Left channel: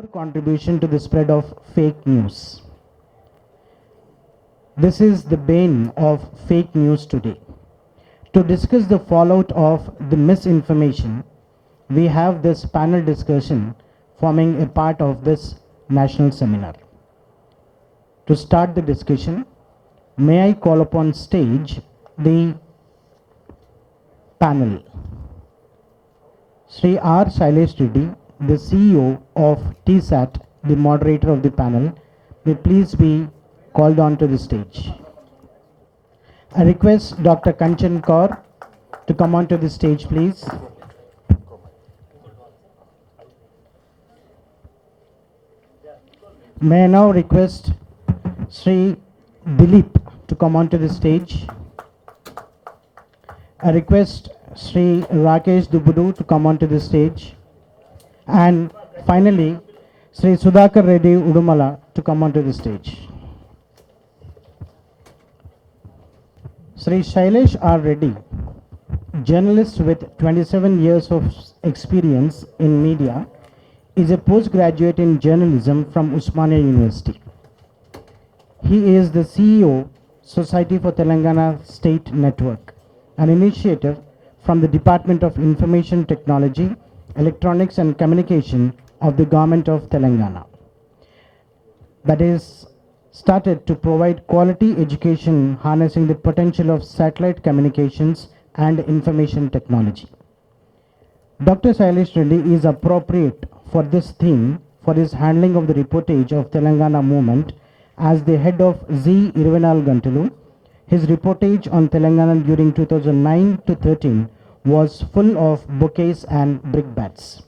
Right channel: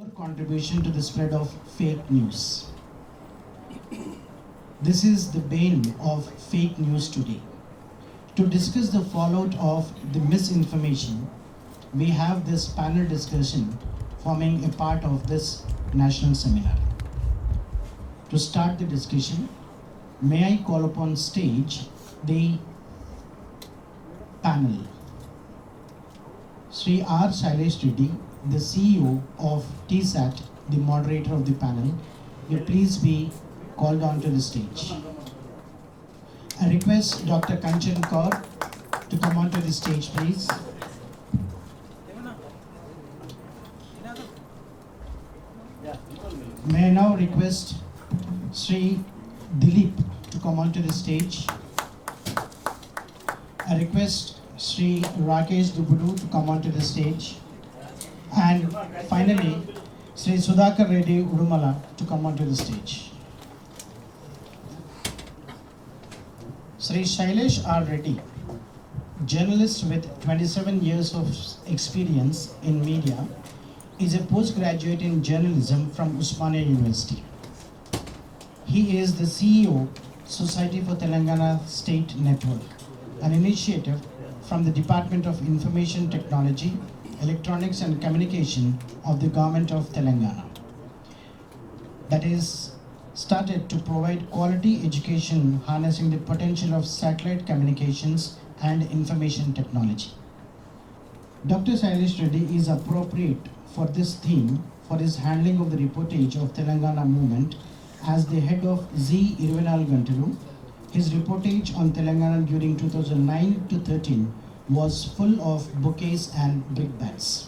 Our contribution to the spread of fake news. This is the bane of fake news today. To discuss the fallout of the misinformation, we have this panel discussion forming a part of this national seminar. To start the discussion, may I call upon stage the panel. Sri R. Shailesh Reddy, the CEO of TSAT, the moderator of the panel, will please be called on to the stage. I request Dr. Kanchan Kaur to come onto the stage, please. May I now request Sri Dilip to come onto the stage. I request Sri Rakesh Dubudu to come onto the stage. And finally, Sri Sudhakar Reddy Udumala to come onto the stage. Sri Shailesh R. Reddy, journalist with 27 years of experience in media, is a postgraduate in journalism from Usmania University. He is the CEO, Society for Telangana State Network, an initiative from the Department of Information Technology, Electronics and Communication of the Government of Telangana, that is started to provide quality education harnessing the potential of satellite communications and information technology. Dr. Shailesh Reddy is appropriate for this theme for his handling of the reportage of Telangana movement as the head of Z. Irvinal Gantalu. His reportage on Telangana during 2009 to 13 was full of bouquets and brickbats.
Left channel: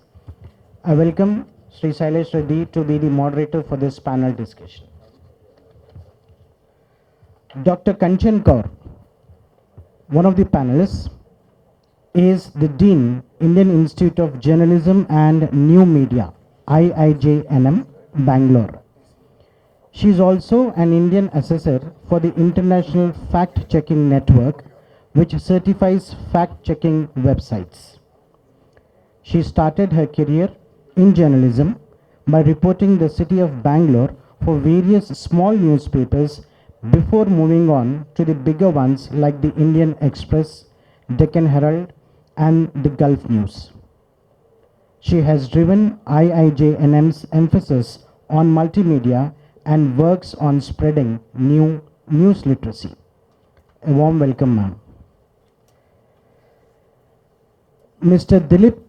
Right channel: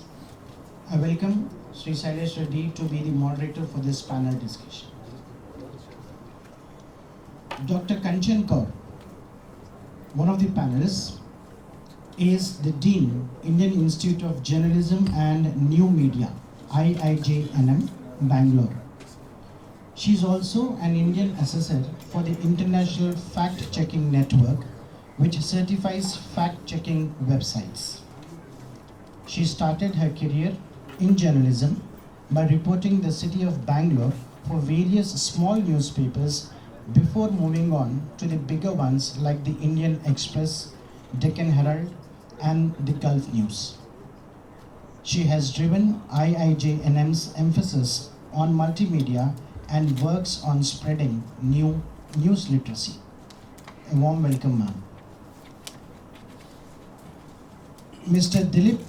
I welcome Sri Shailesh Reddy to be the moderator for this panel discussion. Dr. Kanchan Kaur, one of the panelists, is the Dean, Indian Institute of Journalism and New Media, IIJNM, Bangalore. She is also an Indian assessor for the International Fact-Checking Network, which certifies fact-checking websites. She started her career in journalism by reporting the city of Bangalore for various small newspapers before moving on to the bigger ones like the Indian Express, Deccan Herald, and the Gulf News. She has driven IIJNM's emphasis on multimedia and works on spreading news literacy. A warm welcome, ma'am. Mr. Dilip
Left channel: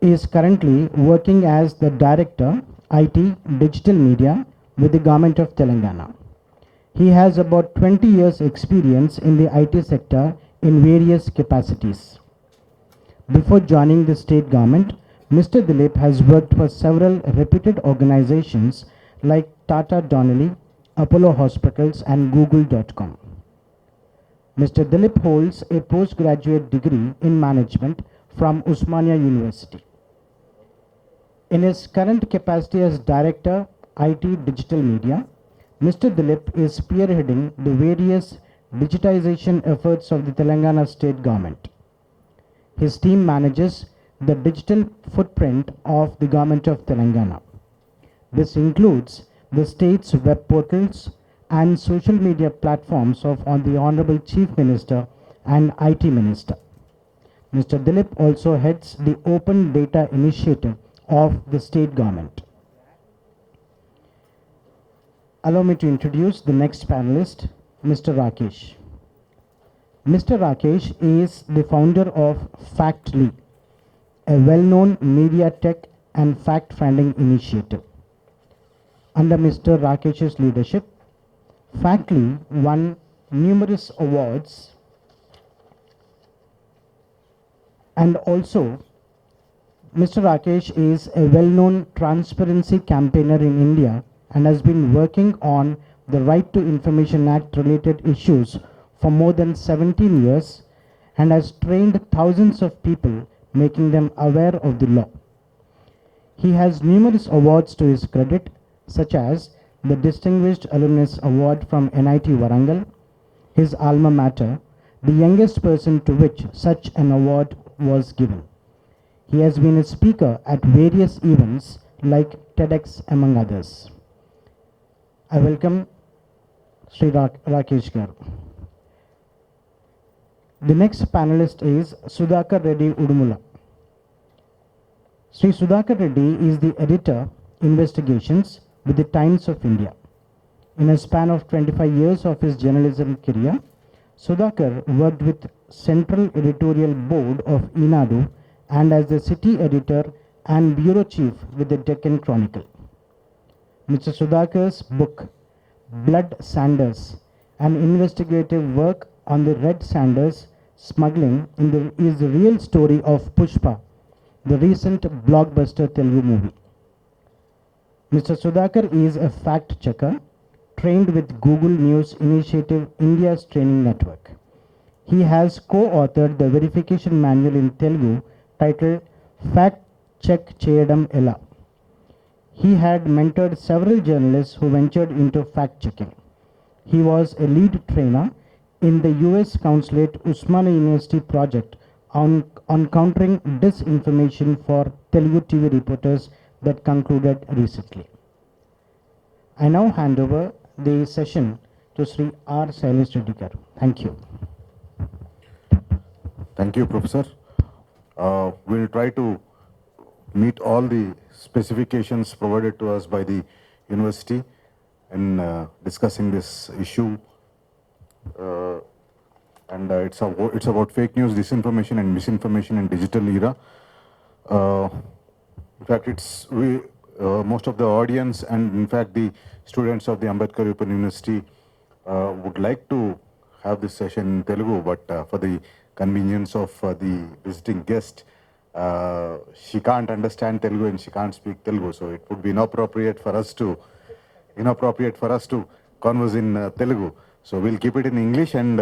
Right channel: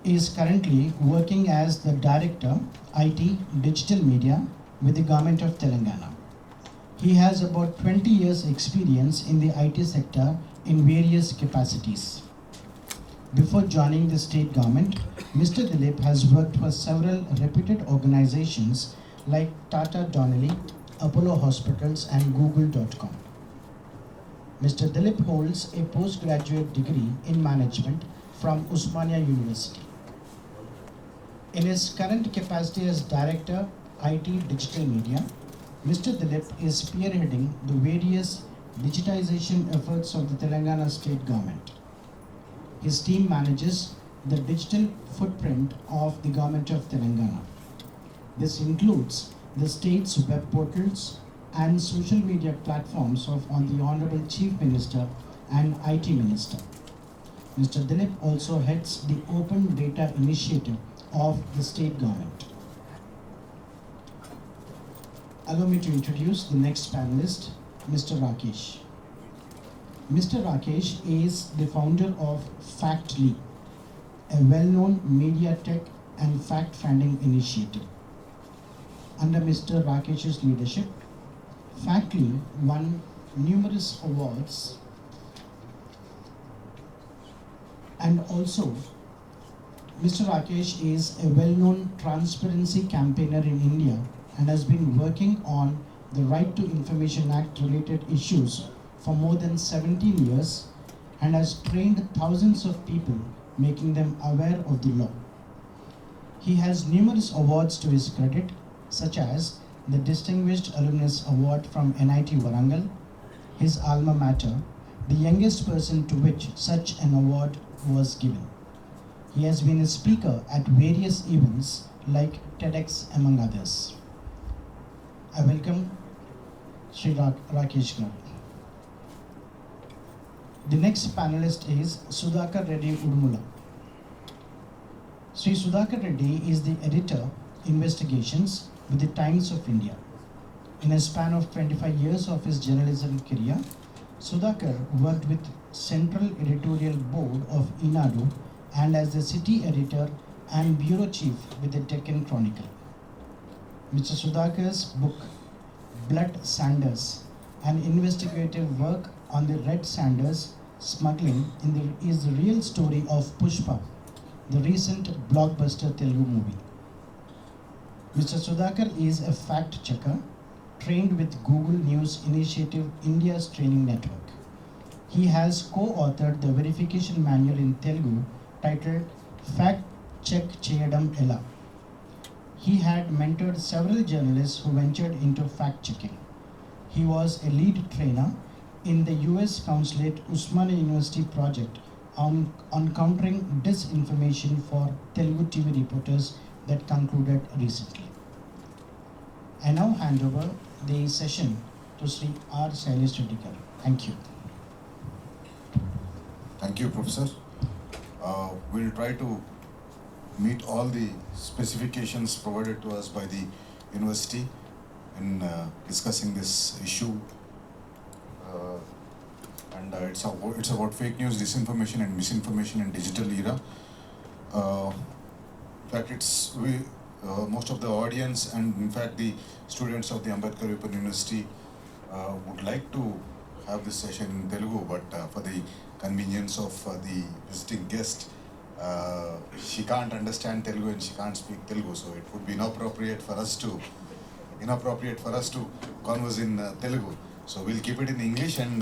is currently working as the Director, IT Digital Media with the Government of Telangana. He has about 20 years experience in the IT sector in various capacities. Before joining the state government, Mr. Dilip has worked for several reputed organizations like Tata Donnelly, Apollo Hospitals and Google.com. Mr. Dilip holds a postgraduate degree in management from Usmania University. In his current capacity as Director, IT Digital Media, Mr. Dilip is spearheading the various digitization efforts of the Telangana state government. His team manages the digital footprint of the government of Telangana. This includes the state's web portals and social media platforms of the Honorable Chief Minister and IT Minister. Mr. Dilip also heads the Open Data Initiative of the state government. Allow me to introduce the next panelist, Mr. Rakesh. Mr. Rakesh is the founder of Factly, a well-known media tech and fact-finding initiative. Under Mr. Rakesh's leadership, Factly won numerous awards, and also Mr. Rakesh is a well-known transparency campaigner in India and has been working on the Right to Information Act related issues for more than 17 years and has trained thousands of people, making them aware of the law. He has numerous awards to his credit, such as the Distinguished Alumnus Award from NIT Warangal, his alma mater, the youngest person to which such an award was given. He has been a speaker at various events like TEDx among others. I welcome Sri Rakesh Garu. The next panelist is Sudhakar Reddy Udumula. Sri Sudhakar Reddy is the editor, Investigations with the Times of India. In a span of 25 years of his journalism career, Sudhakar worked with Central Editorial Board of Inadu and as the city editor and bureau chief with the Deccan Chronicle. Mr. Sudhakar's book, Blood Sanders, an investigative work on the Red Sanders smuggling is the real story of Pushpa, the recent blockbuster Telugu movie. Mr. Sudhakar is a fact checker trained with Google News Initiative India's training network. He has co-authored the verification manual in Telugu titled Fact Check Cheyadam Ela. He had mentored several journalists who ventured into fact checking. He was a lead trainer in the US Consulate Usmania University project on countering disinformation for Telugu TV reporters that concluded recently. I now hand over the session to Sri R. Sailesh Reddy. Thank you. Thank you, Professor. We'll try to meet all the specifications provided to us by the university in discussing this issue. It's about fake news, disinformation and misinformation in digital era. In fact, most of the audience and in fact the students of the Ambedkar Open University would like to have this session in Telugu, but for the convenience of the visiting guest, she can't understand Telugu and she can't speak Telugu, so it would be inappropriate for us to converse in Telugu. So we'll keep it in English and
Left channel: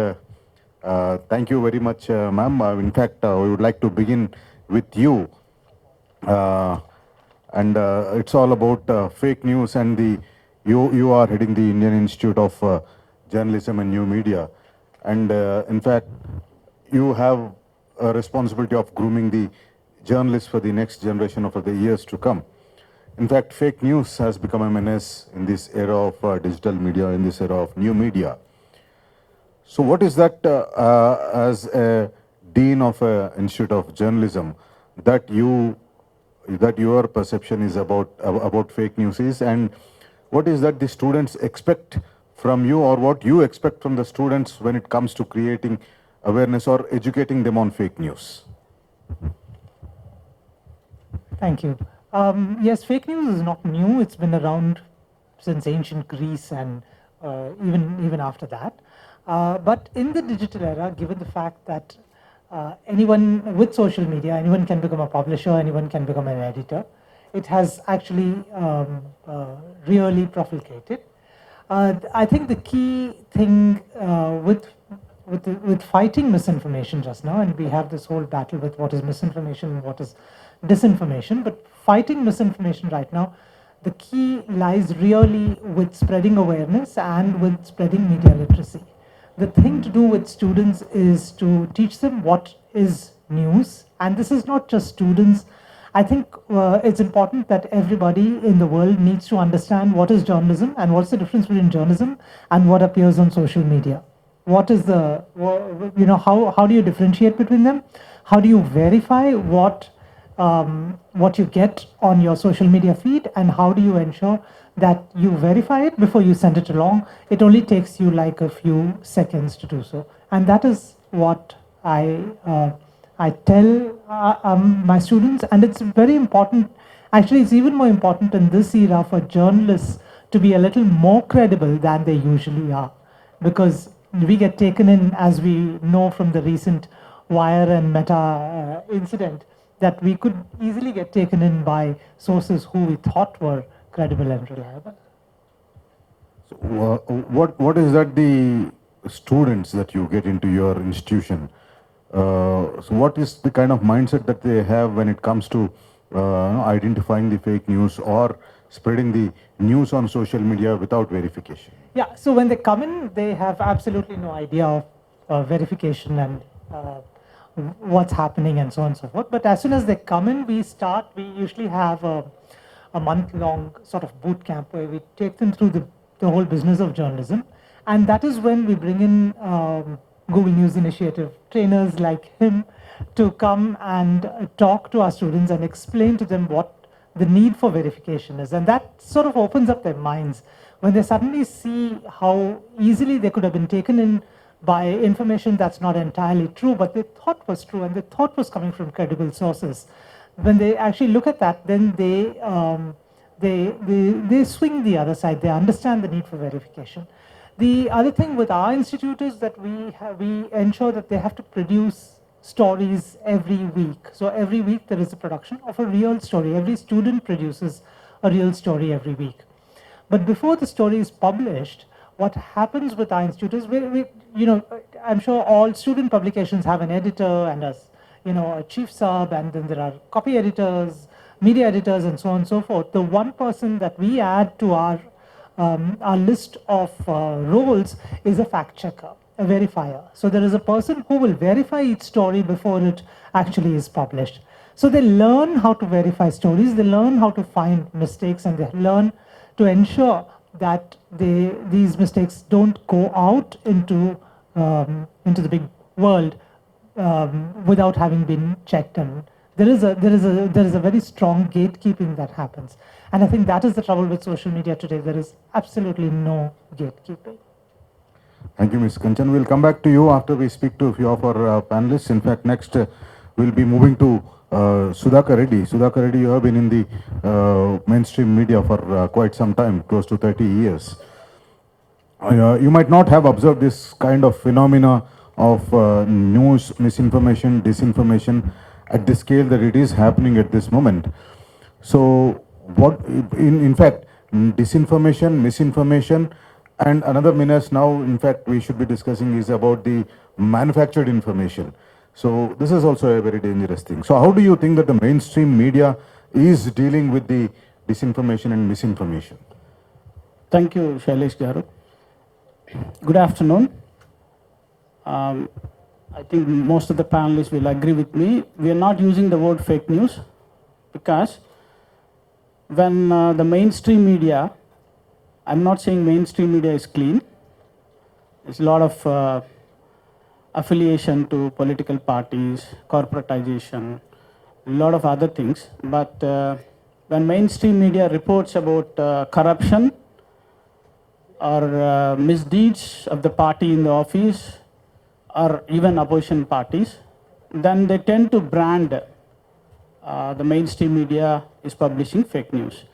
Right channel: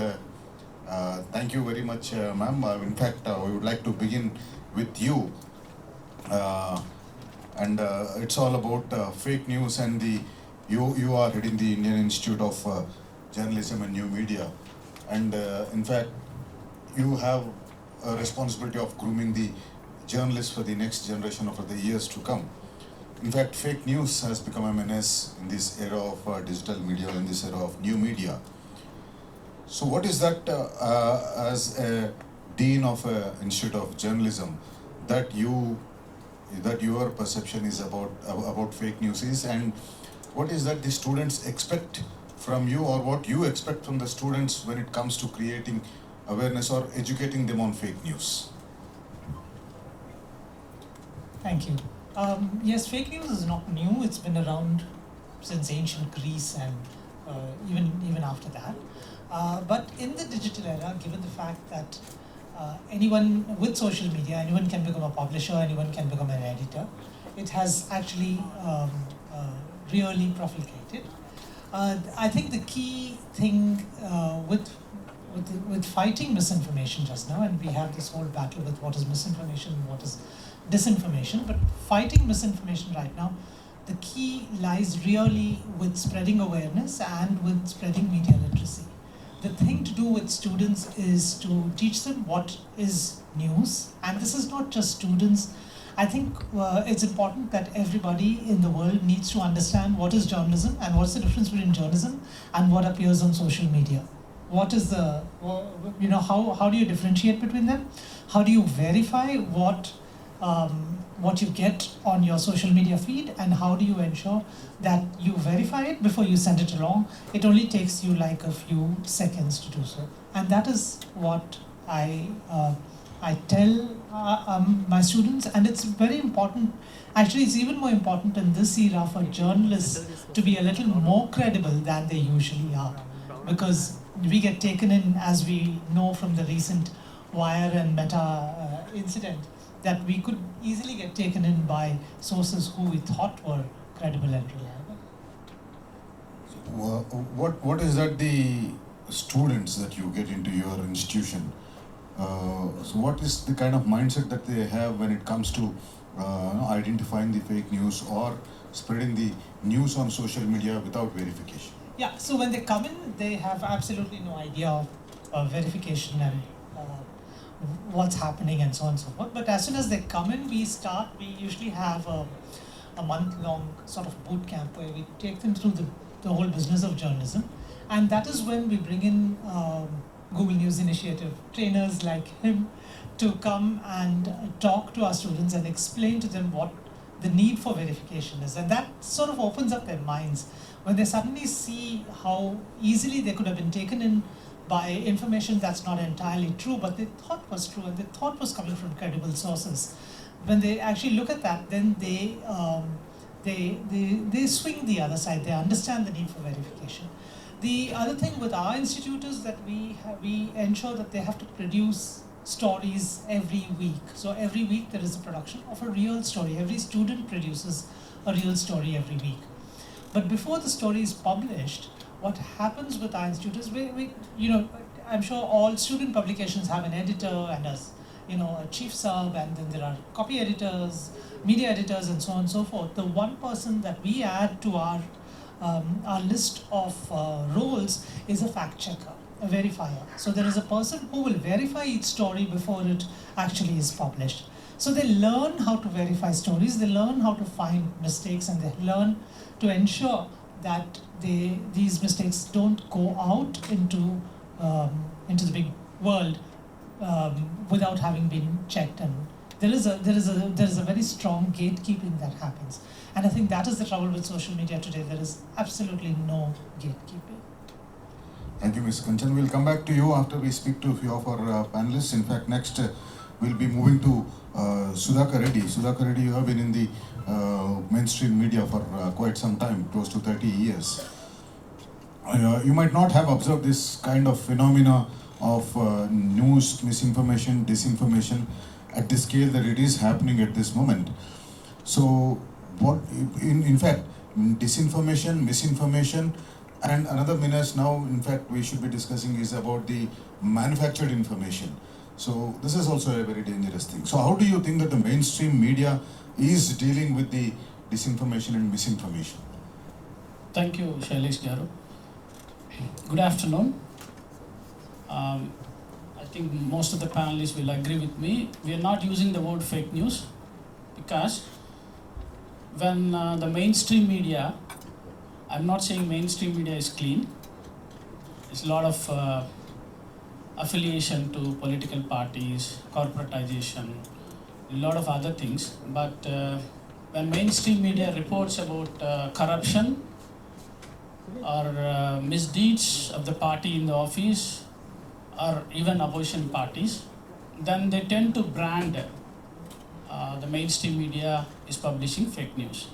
thank you very much, ma'am. In fact, we would like to begin with you. It's all about fake news and you are heading the Indian Institute of Journalism and New Media. And in fact, you have a responsibility of grooming the journalists for the next generation of the years to come. In fact, fake news has become a menace in this era of digital media, in this era of new media. So what is that as a dean of an Institute of Journalism that your perception is about fake news is, and what is that the students expect from you, or what you expect from the students when it comes to creating awareness or educating them on fake news? Thank you. Yes, fake news is not new. It's been around since ancient Greece and even after that. But in the digital era, given the fact that anyone with social media, anyone can become a publisher, anyone can become an editor, it has actually really proliferated. I think the key thing with fighting misinformation just now, and we have this whole battle with what is misinformation and what is disinformation, but fighting misinformation right now, the key lies really with spreading awareness and with spreading media literacy. The thing to do with students is to teach them what is news, and this is not just students. I think it's important that everybody in the world needs to understand what is journalism and what's the difference between journalism and what appears on social media. What is how do you differentiate between them? How do you verify what you get on your social media feed, and how do you ensure that you verify it before you send it along? It only takes you like a few seconds to do so, and that is what I tell my students, and it's very important. Actually, it's even more important in this era for journalists to be a little more credible than they usually are, because we get taken in, as we know from the recent Wire and Meta incident, that we could easily get taken in by sources who we thought were credible and reliable. What is that the students that you get into your institution? So what is the kind of mindset that they have when it comes to identifying the fake news or spreading the news on social media without verification? Yeah, so when they come in, they have absolutely no idea of verification and what's happening and so on and so forth. But as soon as they come in, we usually have a month-long sort of boot camp where we take them through the whole business of journalism. And that is when we bring in Google News Initiative trainers like him to come and talk to our students and explain to them what the need for verification is. And that sort of opens up their minds when they suddenly see how easily they could have been taken in by information that's not entirely true, but they thought was true and they thought was coming from credible sources. When they actually look at that, then they swing the other side. They understand the need for verification. The other thing with our institute is that we ensure that they have to produce stories every week. So every week there is a production of a real story. Every student produces a real story every week. But before the story is published, what happens with our institute is I'm sure all student publications have an editor and a chief sub, and then there are copy editors, media editors, and so on and so forth. The one person that we add to our list of roles is a fact checker, a verifier. So there is a person who will verify each story before it actually is published. So they learn how to verify stories, they learn how to find mistakes, and they learn to ensure that these mistakes don't go out into the big world without having been checked. And there is a very strong gatekeeping that happens. And I think that is the trouble with social media today. There is absolutely no gatekeeping. Thank you, Ms. Kanchan. We'll come back to you after we speak to a few of our panelists. In fact, next we'll be moving to Sudhakar Reddy. Sudhakar Reddy, you have been in the mainstream media for quite some time, close to 30 years. You might not have observed this kind of phenomena of news, misinformation, disinformation at the scale that it is happening at this moment. So, what, in fact, disinformation, misinformation, and another menace now, in fact, we should be discussing is about the manufactured information. So, this is also a very dangerous thing. So, how do you think that the mainstream media is dealing with the disinformation and misinformation? Thank you, Shailesh Garu. Good afternoon. I think most of the panelists will agree with me. We are not using the word fake news because when the mainstream media, I'm not saying mainstream media is clean. There's a lot of affiliation to political parties, corporatization, a lot of other things. But when mainstream media reports about corruption or misdeeds of the party in the office or even opposition parties, then they tend to brand the mainstream media is publishing fake news.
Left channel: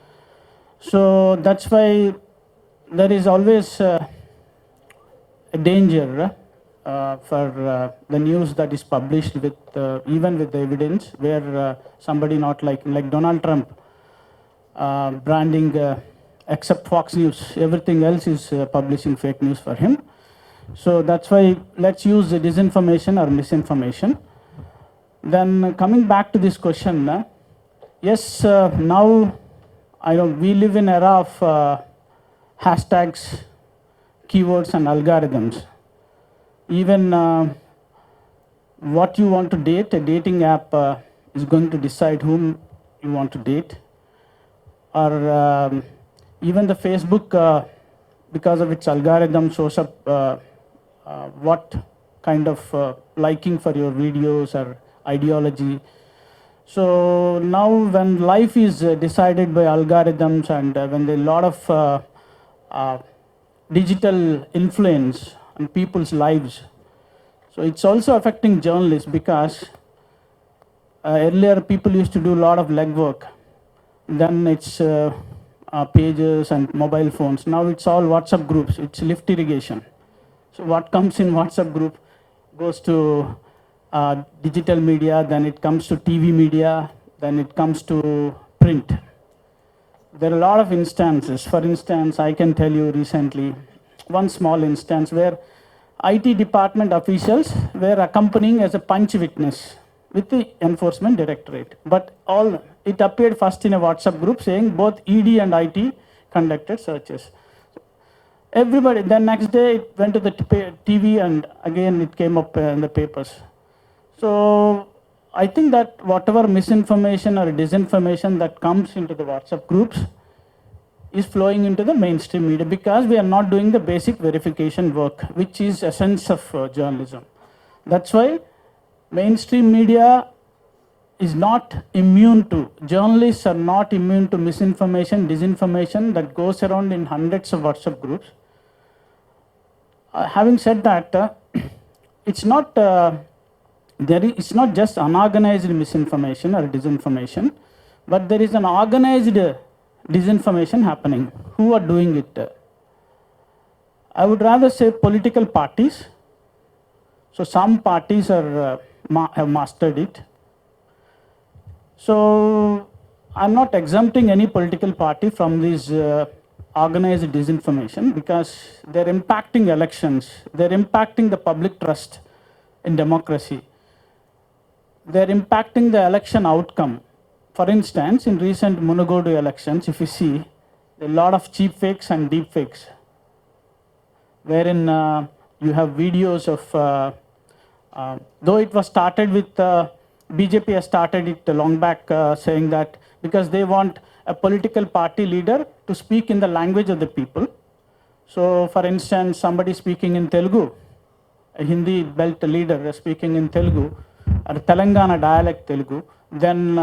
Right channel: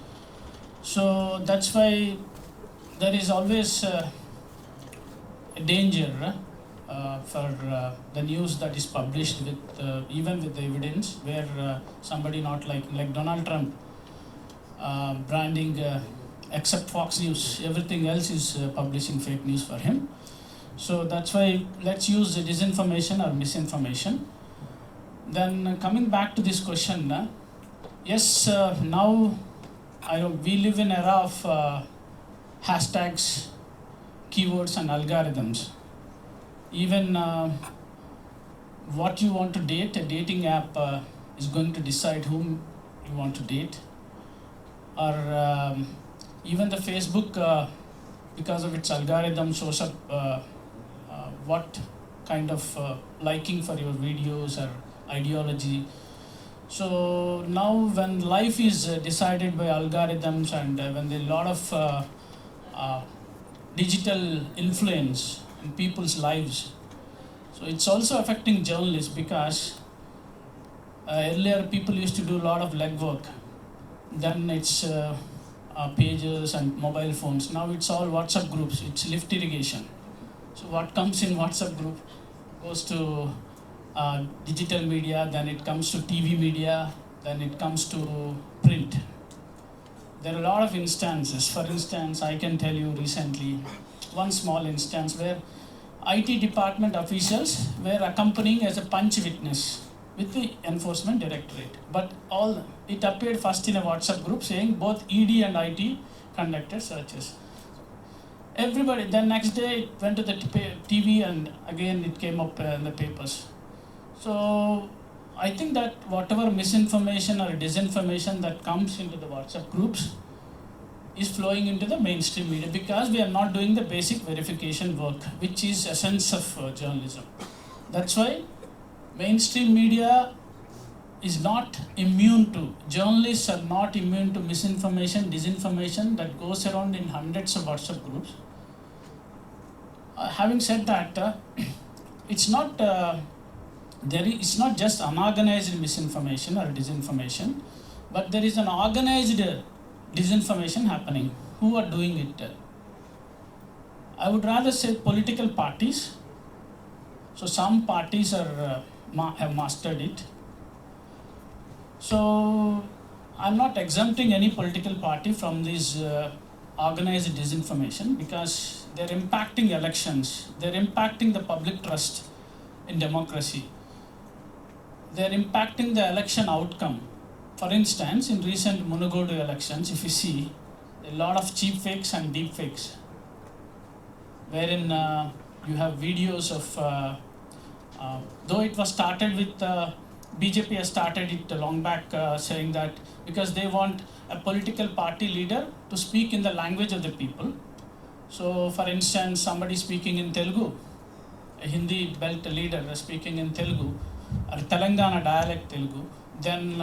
So that's why there is always a danger for the news that is published with even with the evidence, where somebody not like Donald Trump branding except Fox News, everything else is publishing fake news for him. So that's why let's use the disinformation or misinformation. Then coming back to this question, yes, now I know we live in an era of hashtags, keywords, and algorithms. Even what you want to date, a dating app is going to decide whom you want to date. Or even the Facebook, because of its algorithm, shows up what kind of liking for your videos or ideology. So now when life is decided by algorithms and when there is a lot of digital influence on people's lives, so it's also affecting journalists because earlier people used to do a lot of legwork. Then it's pages and mobile phones. Now it's all WhatsApp groups. It's lift irrigation. So what comes in WhatsApp group goes to digital media, then it comes to TV media, then it comes to print. There are a lot of instances. For instance, I can tell you recently one small instance where IT department officials were accompanying as a punch witness with the enforcement directorate. But it appeared first in a WhatsApp group saying both ED and IT conducted searches. Everybody, then next day it went to the TV and again it came up in the papers. So I think that whatever misinformation or disinformation that comes into the WhatsApp groups is flowing into the mainstream media because we are not doing the basic verification work, which is essence of journalism. That's why mainstream media is not immune to, journalists are not immune to misinformation, disinformation that goes around in hundreds of WhatsApp groups. Having said that, it's not it's not just unorganized misinformation or disinformation, but there is an organized disinformation happening. Who are doing it? I would rather say political parties. So some parties are have mastered it. So I'm not exempting any political party from this organized disinformation because they're impacting elections, they're impacting the public trust in democracy, they're impacting the election outcome. For instance, in recent Munugodu elections, if you see, a lot of cheap fakes and deep fakes, wherein you have videos of, though it was started with, BJP has started it long back saying that because they want a political party leader to speak in the language of the people. So, for instance, somebody speaking in Telugu, a Hindi belt leader speaking in Telugu, or Telangana dialect Telugu, then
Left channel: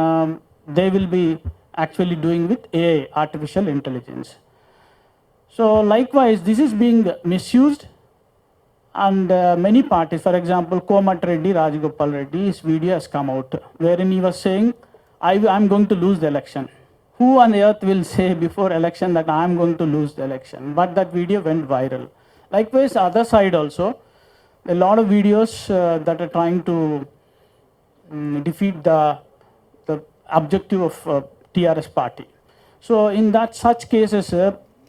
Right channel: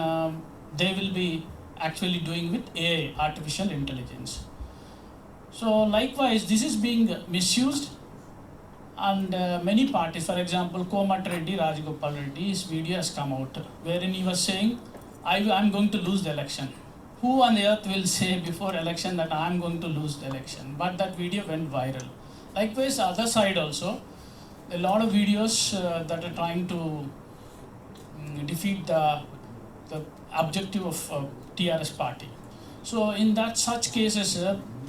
they will be actually doing with AI, artificial intelligence. So likewise, this is being misused, and many parties, for example, Komat Reddy, Rajgopal Reddy, his video has come out, wherein he was saying, I'm going to lose the election. Who on earth will say before election that I'm going to lose the election? But that video went viral. Likewise, other side also, a lot of videos that are trying to defeat the objective of TRS party. So in that such cases,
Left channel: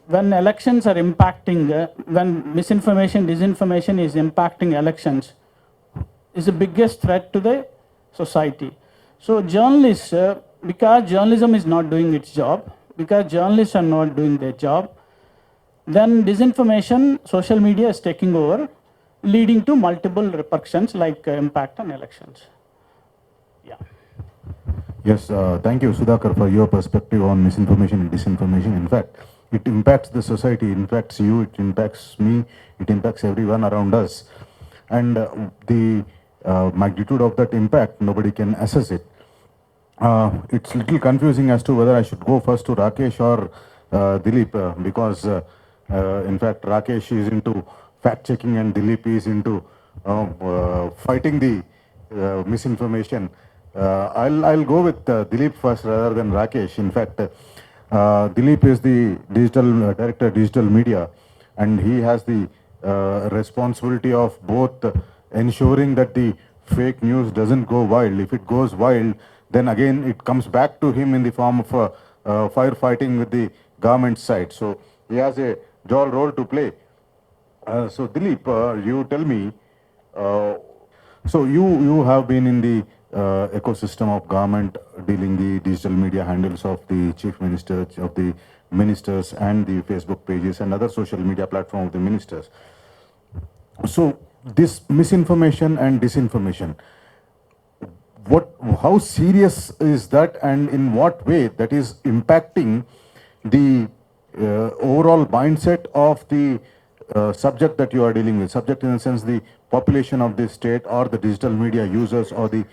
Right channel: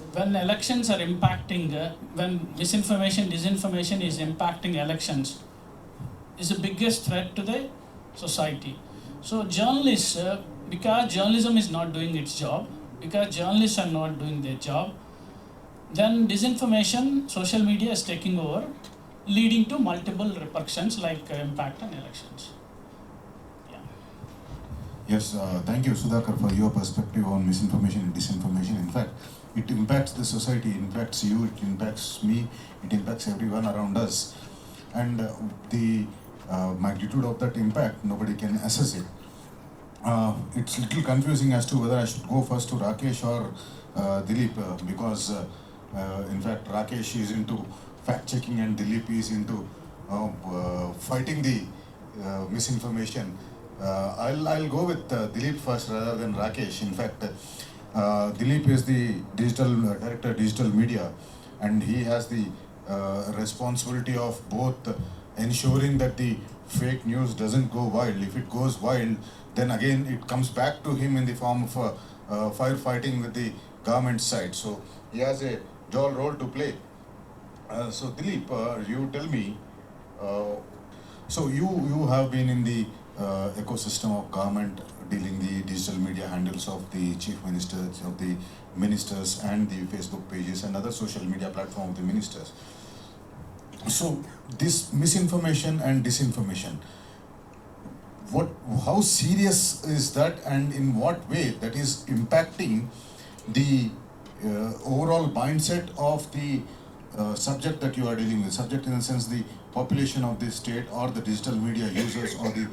when elections are impacting, when misinformation, disinformation is impacting elections, is the biggest threat to the society. So journalists, because journalism is not doing its job, because journalists are not doing their job, then disinformation, social media is taking over, leading to multiple repercussions like impact on elections. Yes, thank you, Sudhakar, for your perspective on misinformation and disinformation. In fact, it impacts the society, it impacts you, it impacts me, it impacts everyone around us. And the magnitude of that impact, nobody can assess it. It's a little confusing as to whether I should go first to Rakesh or Dilip, because in fact Rakesh is into fact checking and Dilip is into fighting the misinformation. I'll go with Dilip first rather than Rakesh. In fact, Dilip is the digital director, digital media, and he has the responsibility of both ensuring that the fake news doesn't go wild. If it goes wild, then again it comes back to him in the form of firefighting with the government side. So he has a dual role to play. So Dilip, you tell me. So you have been in the ecosystem of government dealing the digital media handles of the chief ministers, of the ministers, and the Facebook pages and other social media platform of the ministers. So this misinformation and disinformation, how serious is that, and in what way that is impacting the overall mindset of the subject that you are dealing with? Subject in the sense the population of the state, or the digital media users, or the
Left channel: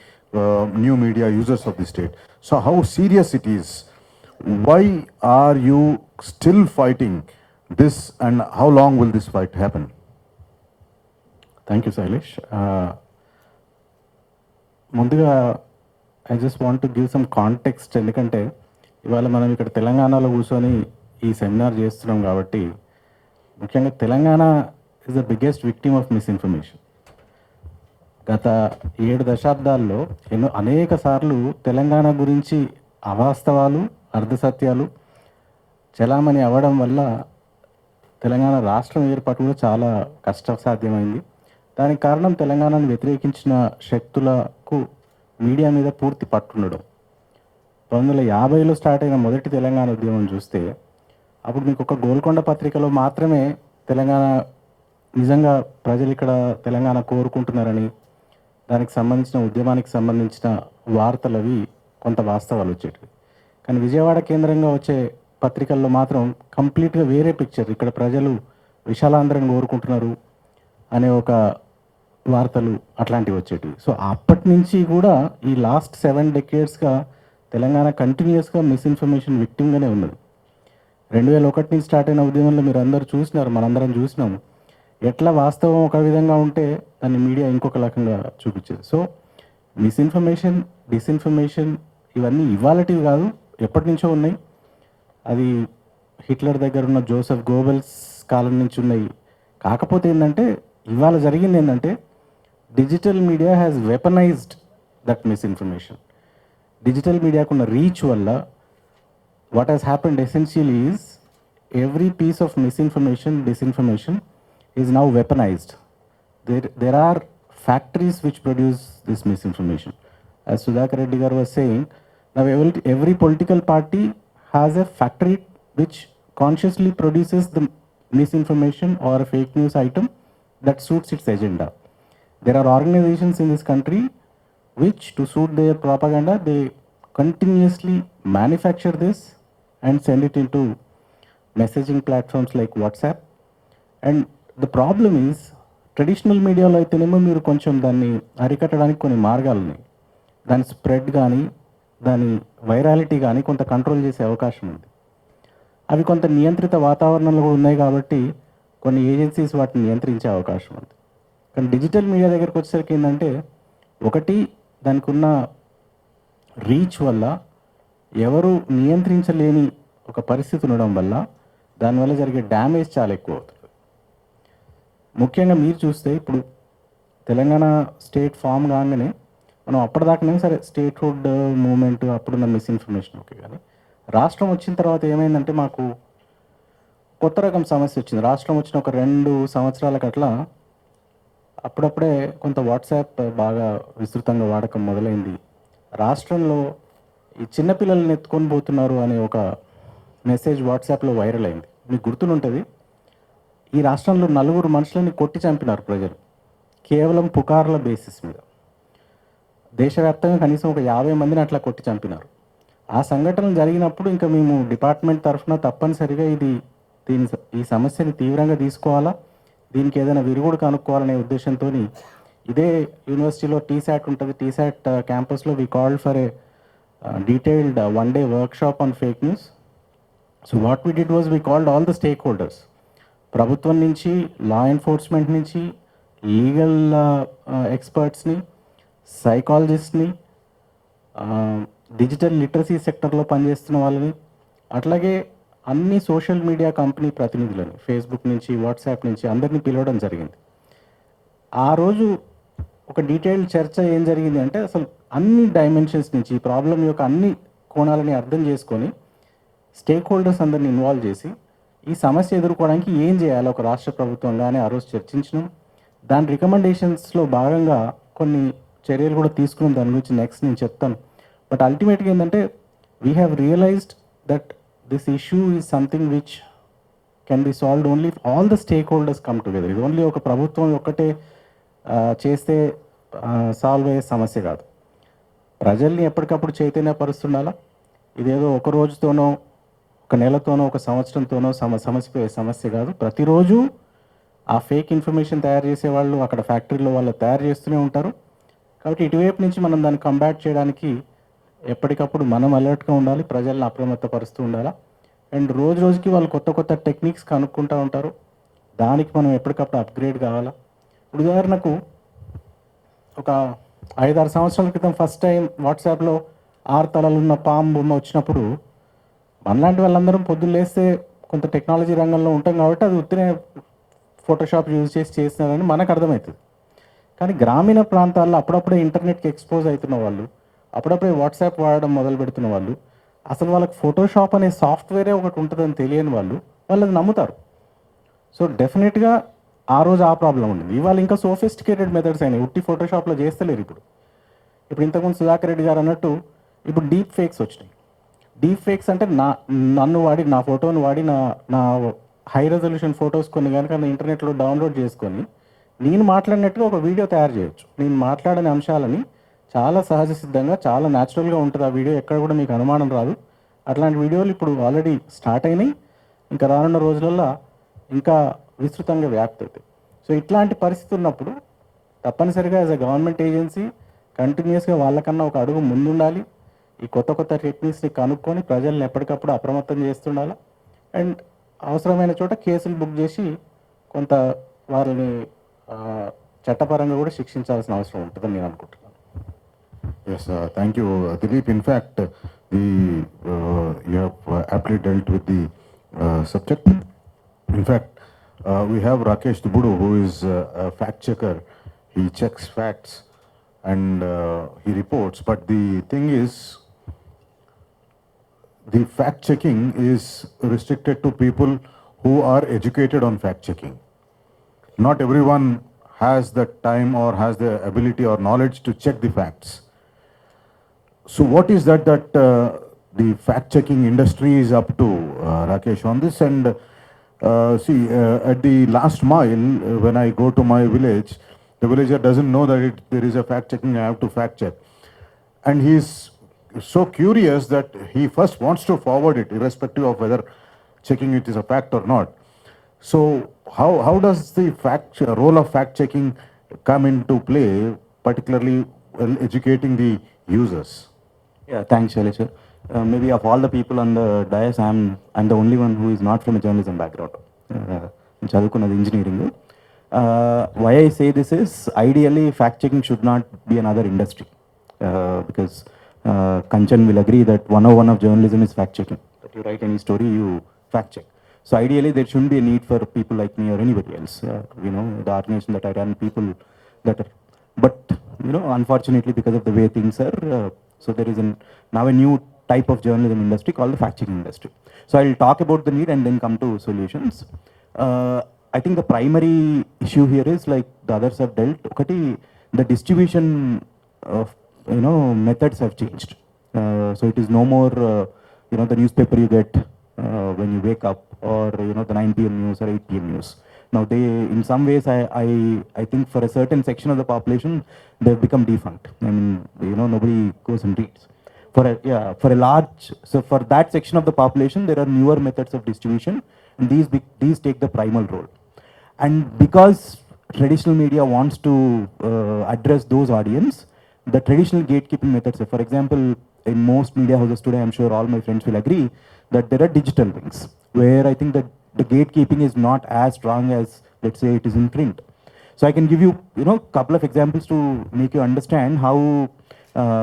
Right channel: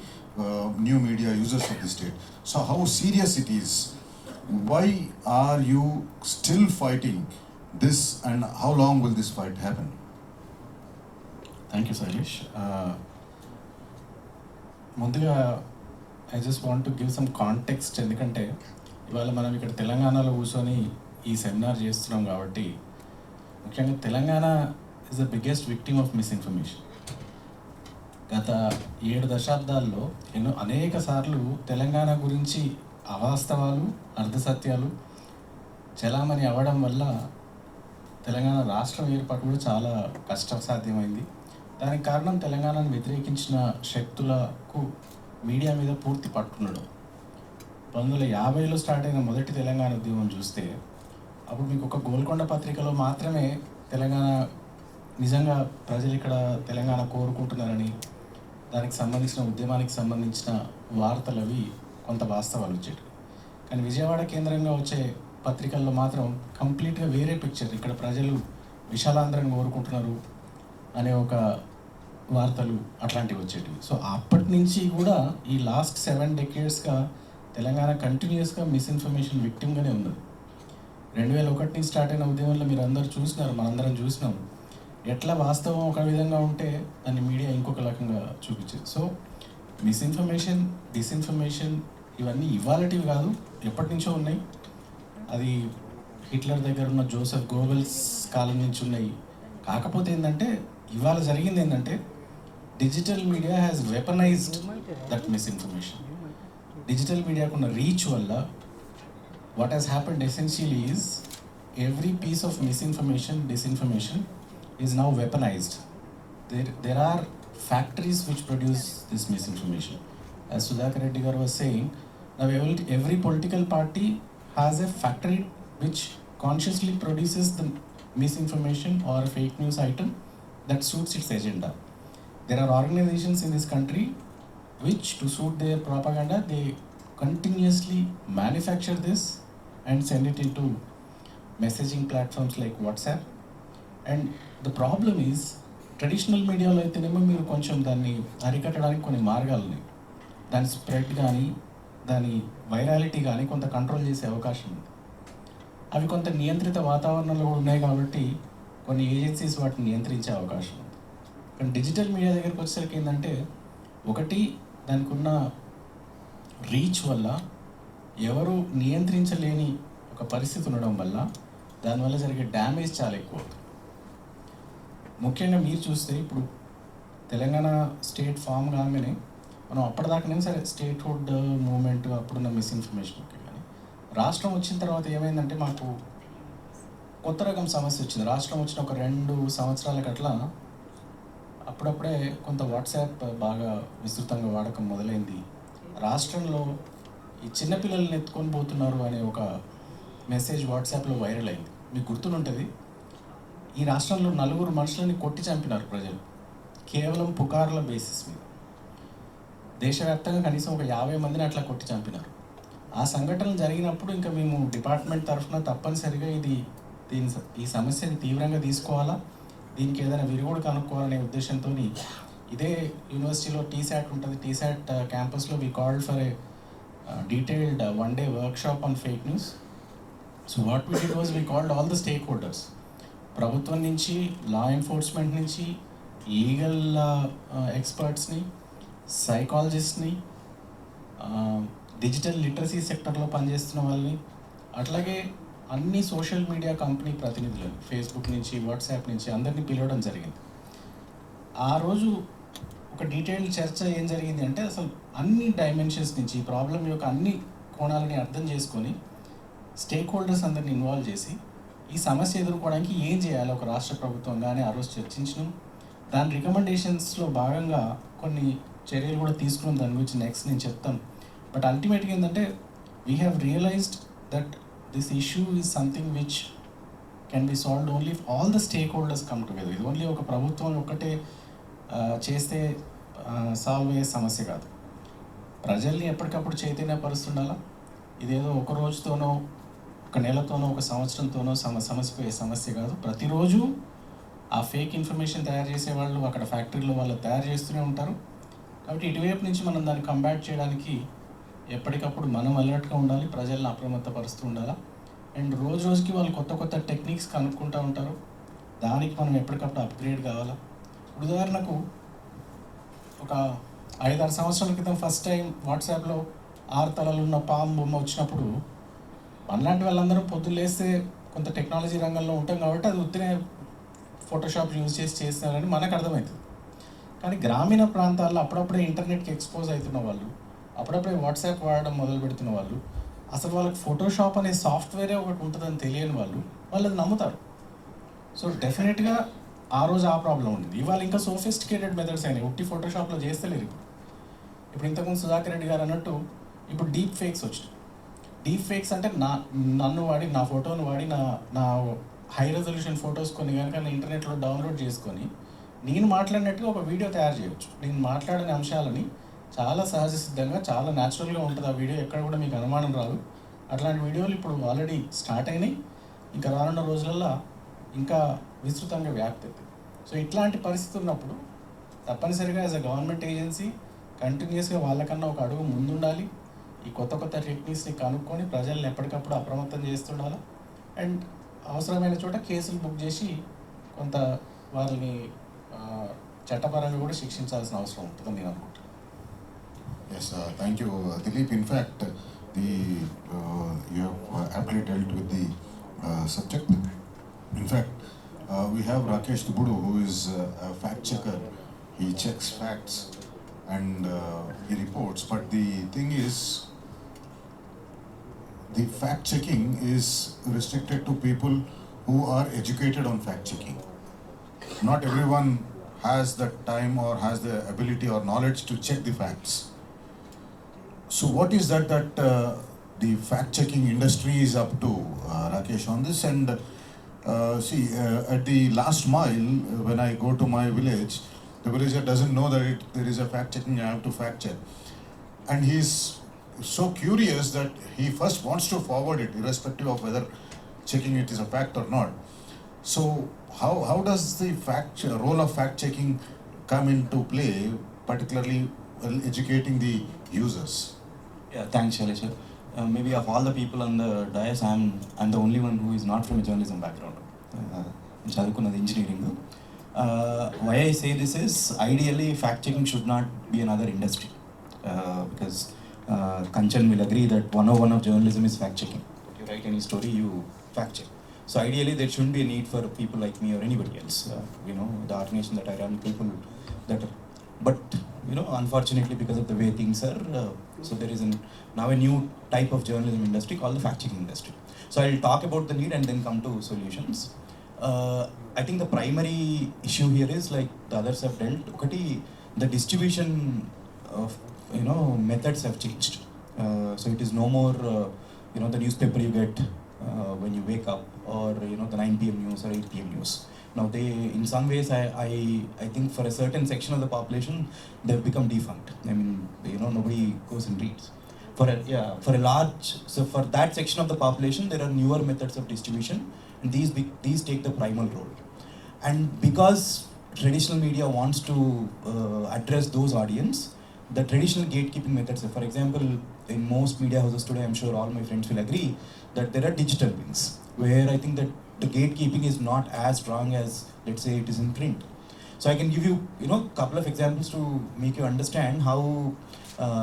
new media users of the state. So how serious it is? Why are you still fighting this, and how long will this fight happen? Thank you, Sailesh. ముందుగా I just want to give some context. ఎందుకంటే ఇవాళ మనం ఇక్కడ తెలంగాణలో కూర్చొని ఈ seminar చేస్తున్నాం కాబట్టి, ముఖ్యంగా Telangana is the biggest victim of misinformation. గత 7 దశాబ్దాల్లో అనేక సార్లు తెలంగాణ గురించి అవాస్తవాలు, అర్ధసత్యాలు చలామణి అవ్వడం వల్ల తెలంగాణ రాష్ట్రం ఏర్పాటు కూడా చాలా కష్టసాధ్యమైంది. దానికి కారణం తెలంగాణను వ్యతిరేకించిన శక్తులకు మీడియా మీద పూర్తి పట్టుండడం. 1950లో స్టార్ట్ అయిన మొదటి తెలంగాణ ఉద్యమం చూస్తే, అప్పుడు మీకు ఒక గోల్కొండ పత్రికలో మాత్రమే తెలంగాణ నిజంగా ప్రజలు ఇక్కడ తెలంగాణ కోరుకుంటున్నారని, దానికి సంబంధించిన ఉద్యమానికి సంబంధించిన వార్తలు అవి కొంత వాస్తవాలు వచ్చేవి. కానీ విజయవాడ కేంద్రంగా వచ్చే పత్రికల్లో మాత్రం కంప్లీట్గా వేరే పిక్చర్. ఇక్కడ ప్రజలు విశాలాంధ్రం కోరుకుంటున్నారు అనే ఒక వార్తలు అట్లాంటివి వచ్చేటివి. సో అప్పటి నుంచి కూడా ఈ లాస్ట్ 7 decadesగా తెలంగాణ కంటిన్యూస్గా మిస్ఇన్ఫర్మేషన్ విక్టిమ్గానే ఉన్నది. 2001 నుంచి స్టార్ట్ అయిన ఉద్యమంలో మీరు అందరూ చూసినారు, మనందరం చూసినాము. ఎట్లా వాస్తవం ఒక విధంగా ఉంటే దాన్ని మీడియా ఇంకొక రకంగా చూపించేది. సో మిస్ఇన్ఫర్మేషన్, డిస్ఇన్ఫర్మేషన్ ఇవన్నీ ఇవాళటివి కాదు, ఎప్పటి నుంచో ఉన్నాయి. అది హిట్లర్ దగ్గర ఉన్న జోసెఫ్ గోబెల్స్ కాలం నుంచి ఉన్నాయి. కాకపోతే ఏంటంటే ఇవాళ జరిగింది ఏంటంటే digital media has weaponized that misinformation. Digital మీడియాకున్న రీచ్ వల్ల what has happened essentially is every piece of misinformation, disinformation is now weaponized. There are factories which produce this misinformation. As Sudhakar Reddy garu was saying, now every political party has a factory which consciously produces the misinformation or a fake news item that suits its agenda. There are organizations in this country which, to suit their propaganda, they continuously manufacture this and send it into messaging platforms like WhatsApp. And the problem is, traditional మీడియాలో అయితేనేమో మీరు కొంచెం దాన్ని అరికట్టడానికి కొన్ని మార్గాలు ఉన్నాయి. దాని స్ప్రెడ్ కానీ దాని వైరాలిటీ కానీ కొంత కంట్రోల్ చేసే అవకాశం ఉంది. అవి కొంత నియంత్రిత వాతావరణంలో కూడా ఉన్నాయి కాబట్టి కొన్ని ఏజెన్సీస్ వాటిని నియంత్రించే అవకాశం ఉంది. కానీ డిజిటల్ మీడియా దగ్గరికి వచ్చేసరికి ఏంటంటే, ఒకటి దానికి ఉన్న రీచ్ వల్ల ఎవరు నియంత్రించలేని ఒక పరిస్థితి ఉండడం వల్ల దానివల్ల జరిగే డ్యామేజ్ చాలా ఎక్కువ అవుతుంది. ముఖ్యంగా మీరు చూస్తే ఇప్పుడు తెలంగాణ స్టేట్ ఫామ్ కాగానే మనం అప్పటిదాకానే సరే స్టేట్ హుడ్ మూవ్మెంట్ అప్పుడున్న మిస్ఇన్ఫర్మేషన్ ఓకే, కానీ రాష్ట్రం వచ్చిన తర్వాత ఏమైందంటే మాకు కొత్త రకం సమస్య వచ్చింది. రాష్ట్రం వచ్చిన ఒక 2 సంవత్సరాలకు అట్లా అప్పుడప్పుడే కొంత వాట్సాప్ బాగా విస్తృతంగా వాడకం మొదలైంది. రాష్ట్రంలో ఈ చిన్నపిల్లల్ని ఎత్తుకొని పోతున్నారు అనే ఒక మెసేజ్ వాట్సాప్లో వైరల్ అయింది. మీకు గుర్తునుంటుంది, ఈ రాష్ట్రంలో 4 మనుషులని కొట్టి చంపినారు ప్రజలు కేవలం పుకార్ల బేసిస్ మీద. దేశవ్యాప్తంగా కనీసం ఒక 50 మందిని అట్లా కొట్టి చంపినారు. ఆ సంఘటన జరిగినప్పుడు ఇంకా మేము డిపార్ట్మెంట్ తరఫున తప్పనిసరిగా ఈ సమస్యని తీవ్రంగా తీసుకోవాలా, దీనికి ఏదైనా విరుగుడు కనుక్కోవాలనే ఉద్దేశంతో ఇదే యూనివర్సిటీలో టీశాట్ ఉంటుంది. టీశాట్ క్యాంపస్లో we called for a detailed 1-day workshop on fake news. So what we did was we called all the stakeholders. ప్రభుత్వం నుంచి, లా ఎన్ఫోర్స్మెంట్ నుంచి, లీగల్ ఎక్స్పర్ట్స్ని, సైకాలజిస్ట్ని, డిజిటల్ లిటరసీ సెక్టర్లో పనిచేస్తున్న వాళ్ళని, అట్లాగే అన్ని సోషల్ మీడియా కంపెనీ ప్రతినిధులని, ఫేస్బుక్ నుంచి, వాట్సాప్ నుంచి అందరినీ పిలవడం జరిగింది. ఆ రోజు ఒక డీటెయిల్డ్ చర్చ ఏం జరిగింది అంటే, అసలు అన్ని డైమెన్షన్స్ నుంచి ప్రాబ్లం యొక్క అన్ని కోణాలని అర్థం చేసుకొని స్టేక్ హోల్డర్స్ అందరిని ఇన్వాల్వ్ చేసి ఈ సమస్య ఎదుర్కోవడానికి ఏం చేయాలి ఒక రాష్ట్ర ప్రభుత్వంగానే ఆ రోజు చర్చించినాం. దాని రికమెండేషన్స్లో భాగంగా కొన్ని చర్యలు కూడా తీసుకున్నాం. దాని గురించి నెక్స్ట్ నేను చెప్తాను. బట్ అల్టిమేట్గా ఏంటంటే, we have realised that this issue is something which can be solved only if all the stakeholders come together. ఇది ఓన్లీ ఒక ప్రభుత్వం ఒక్కటే చేస్తే సాల్వ్ అయ్యే సమస్య కాదు. ప్రజల్ని ఎప్పటికప్పుడు చైతన్యపరుస్తుండాలా. ఇదేదో ఒక రోజుతోనో, ఒక నెలతోనో, ఒక సంవత్సరంతోనో సమస్య కాదు. ప్రతిరోజు ఆ ఫేక్ ఇన్ఫర్మేషన్ తయారు చేసేవాళ్ళు అక్కడ ఫ్యాక్టరీలో వాళ్ళు తయారు చేస్తూనే ఉంటారు. కాబట్టి ఇటువైపు నుంచి మనం దాన్ని కంబాట్ చేయడానికి ఎప్పటికప్పుడు మనం అలర్ట్గా ఉండాలి, ప్రజల్ని అప్రమత్తపరుస్తూ ఉండాలి. అండ్ రోజు రోజుకి వాళ్ళు కొత్త కొత్త టెక్నిక్స్ కనుక్కుంటూ ఉంటారు. దానికి మనం ఎప్పటికప్పుడు అప్గ్రేడ్ కావాలా. ఇప్పుడు ఉదాహరణకు ఒక 5-6 సంవత్సరాల క్రితం ఫస్ట్ టైం వాట్సాప్లో 6 తలలు ఉన్న పాము బొమ్మ వచ్చినప్పుడు మనలాంటి వాళ్ళందరం పొద్దున్న లేస్తే కొంత టెక్నాలజీ రంగంలో ఉంటాం కాబట్టి అది ఉత్తినే ఫోటోషాప్ యూజ్ చేసి చేసినారని మనకు అర్థమవుతుంది. కానీ గ్రామీణ ప్రాంతాల్లో అప్పుడప్పుడే ఇంటర్నెట్కి ఎక్స్పోజ్ అవుతున్న వాళ్ళు, అప్పుడప్పుడే వాట్సాప్ వాడడం మొదలు పెడుతున్న వాళ్ళు, అసలు వాళ్ళకి ఫోటోషాప్ అనే సాఫ్ట్వేరే ఒకటి ఉంటుందని తెలియని వాళ్ళు అది నమ్ముతారు. సో డెఫినెట్గా ఆ రోజు ఆ ప్రాబ్లం ఉంది. ఇవాళ ఇంకా సోఫిస్టికేటెడ్ మెథడ్స్ అయినాయి. ఉట్టి ఫోటోషాప్లో చేస్తలేరు. ఇప్పుడు ఇంతకుముందు సుధాకర్ రెడ్డి గారు అన్నట్టు ఇప్పుడు డీప్ ఫేక్స్ వచ్చాయి. డీప్ ఫేక్స్ అంటే నన్ను వాడి, నా ఫోటోను వాడి, నా హై రెజల్యూషన్ ఫొటోస్ కొన్ని కనుక ఇంటర్నెట్లో డౌన్లోడ్ చేసుకొని నేను మాట్లాడినట్టుగా ఒక వీడియో తయారు చేయొచ్చు. నేను మాట్లాడిన అంశాలని చాలా సహజ సిద్ధంగా, చాలా న్యాచురల్గా ఉంటుంది ఆ వీడియో. ఎక్కడ కూడా మీకు అనుమానం రాదు. అట్లాంటి వీడియోలు ఇప్పుడు ఆల్రెడీ స్టార్ట్ అయినాయి. ఇంకా రానున్న రోజులలో ఇంకా విస్తృతంగా వ్యాప్తి అవుతాయి. సో ఇట్లాంటి పరిస్థితి ఉన్నప్పుడు తప్పనిసరిగా యాజ్ అ గవర్నమెంట్ ఏజెన్సీ కంటిన్యూస్గా వాళ్ళకన్నా ఒక అడుగు ముందుండాలి. ఈ కొత్త కొత్త టెక్నిక్స్ని కనుక్కొని ప్రజల్ని ఎప్పటికప్పుడు అప్రమత్తం చేస్తుండాలి. అండ్ అవసరమైన చోట కేసులు బుక్ చేసి కొంత వాళ్ళని చట్టపరంగా కూడా శిక్షించాల్సిన అవసరం ఉంటుందని నేను అనుకుంటున్నాను. Yes, thank you, Dilip. In fact, you have aptly dealt with the subject. In fact, we have Rakesh Budu, who is a fact checker. He checks facts and he reports. But the thing is, the fact checking is restricted to people who are educated on fact checking. Not everyone has the time or has the ability or knowledge to check the facts. So what is that the fact checking industry is up to, Rakesh, on this? And see, at the last mile, when I go to my village, the villager doesn't know that there is a fact checking. I have to fact check, and he is so curious that he first wants to forward it, irrespective of whether checking it is a fact or not. So how does the role of fact checking come into play, particularly while educating the users? Yeah, thanks, Shailesh. Maybe of all the people on the dais, I'm the only one who is not from a journalism background. Chadukunnadi engineering. Why I say this is, ideally, fact checking should not be another industry. Because Kanchan will agree that 101 of journalism is fact checking. If you write any story, you fact check. So ideally, there shouldn't be a need for people like me or anybody else. The organization that I run, people that. But unfortunately, because of the way things are, so there is now a new type of journalism industry called the fact checking industry. So I'll talk about the need and then come to solutions. I think the primary issue here is, like the others have dealt, the distribution of methods have changed. So it is no more the newspaper you get when you wake up, or the 9 p.m. news or 8 p.m. news. Now they, in some ways, I think for a certain section of the population, they've become defunct, and nobody goes and reads. For a large, so for that section of the population, there are newer methods of distribution, and these take the primal role. And because traditional media wants to address those audience, the traditional gatekeeping methods, for example, in most media houses today, I'm sure all my friends will agree that there are digital wings, where I think that the gatekeeping is not as strong as, let's say, it is in print. So I can give you, couple of examples to make you understand how,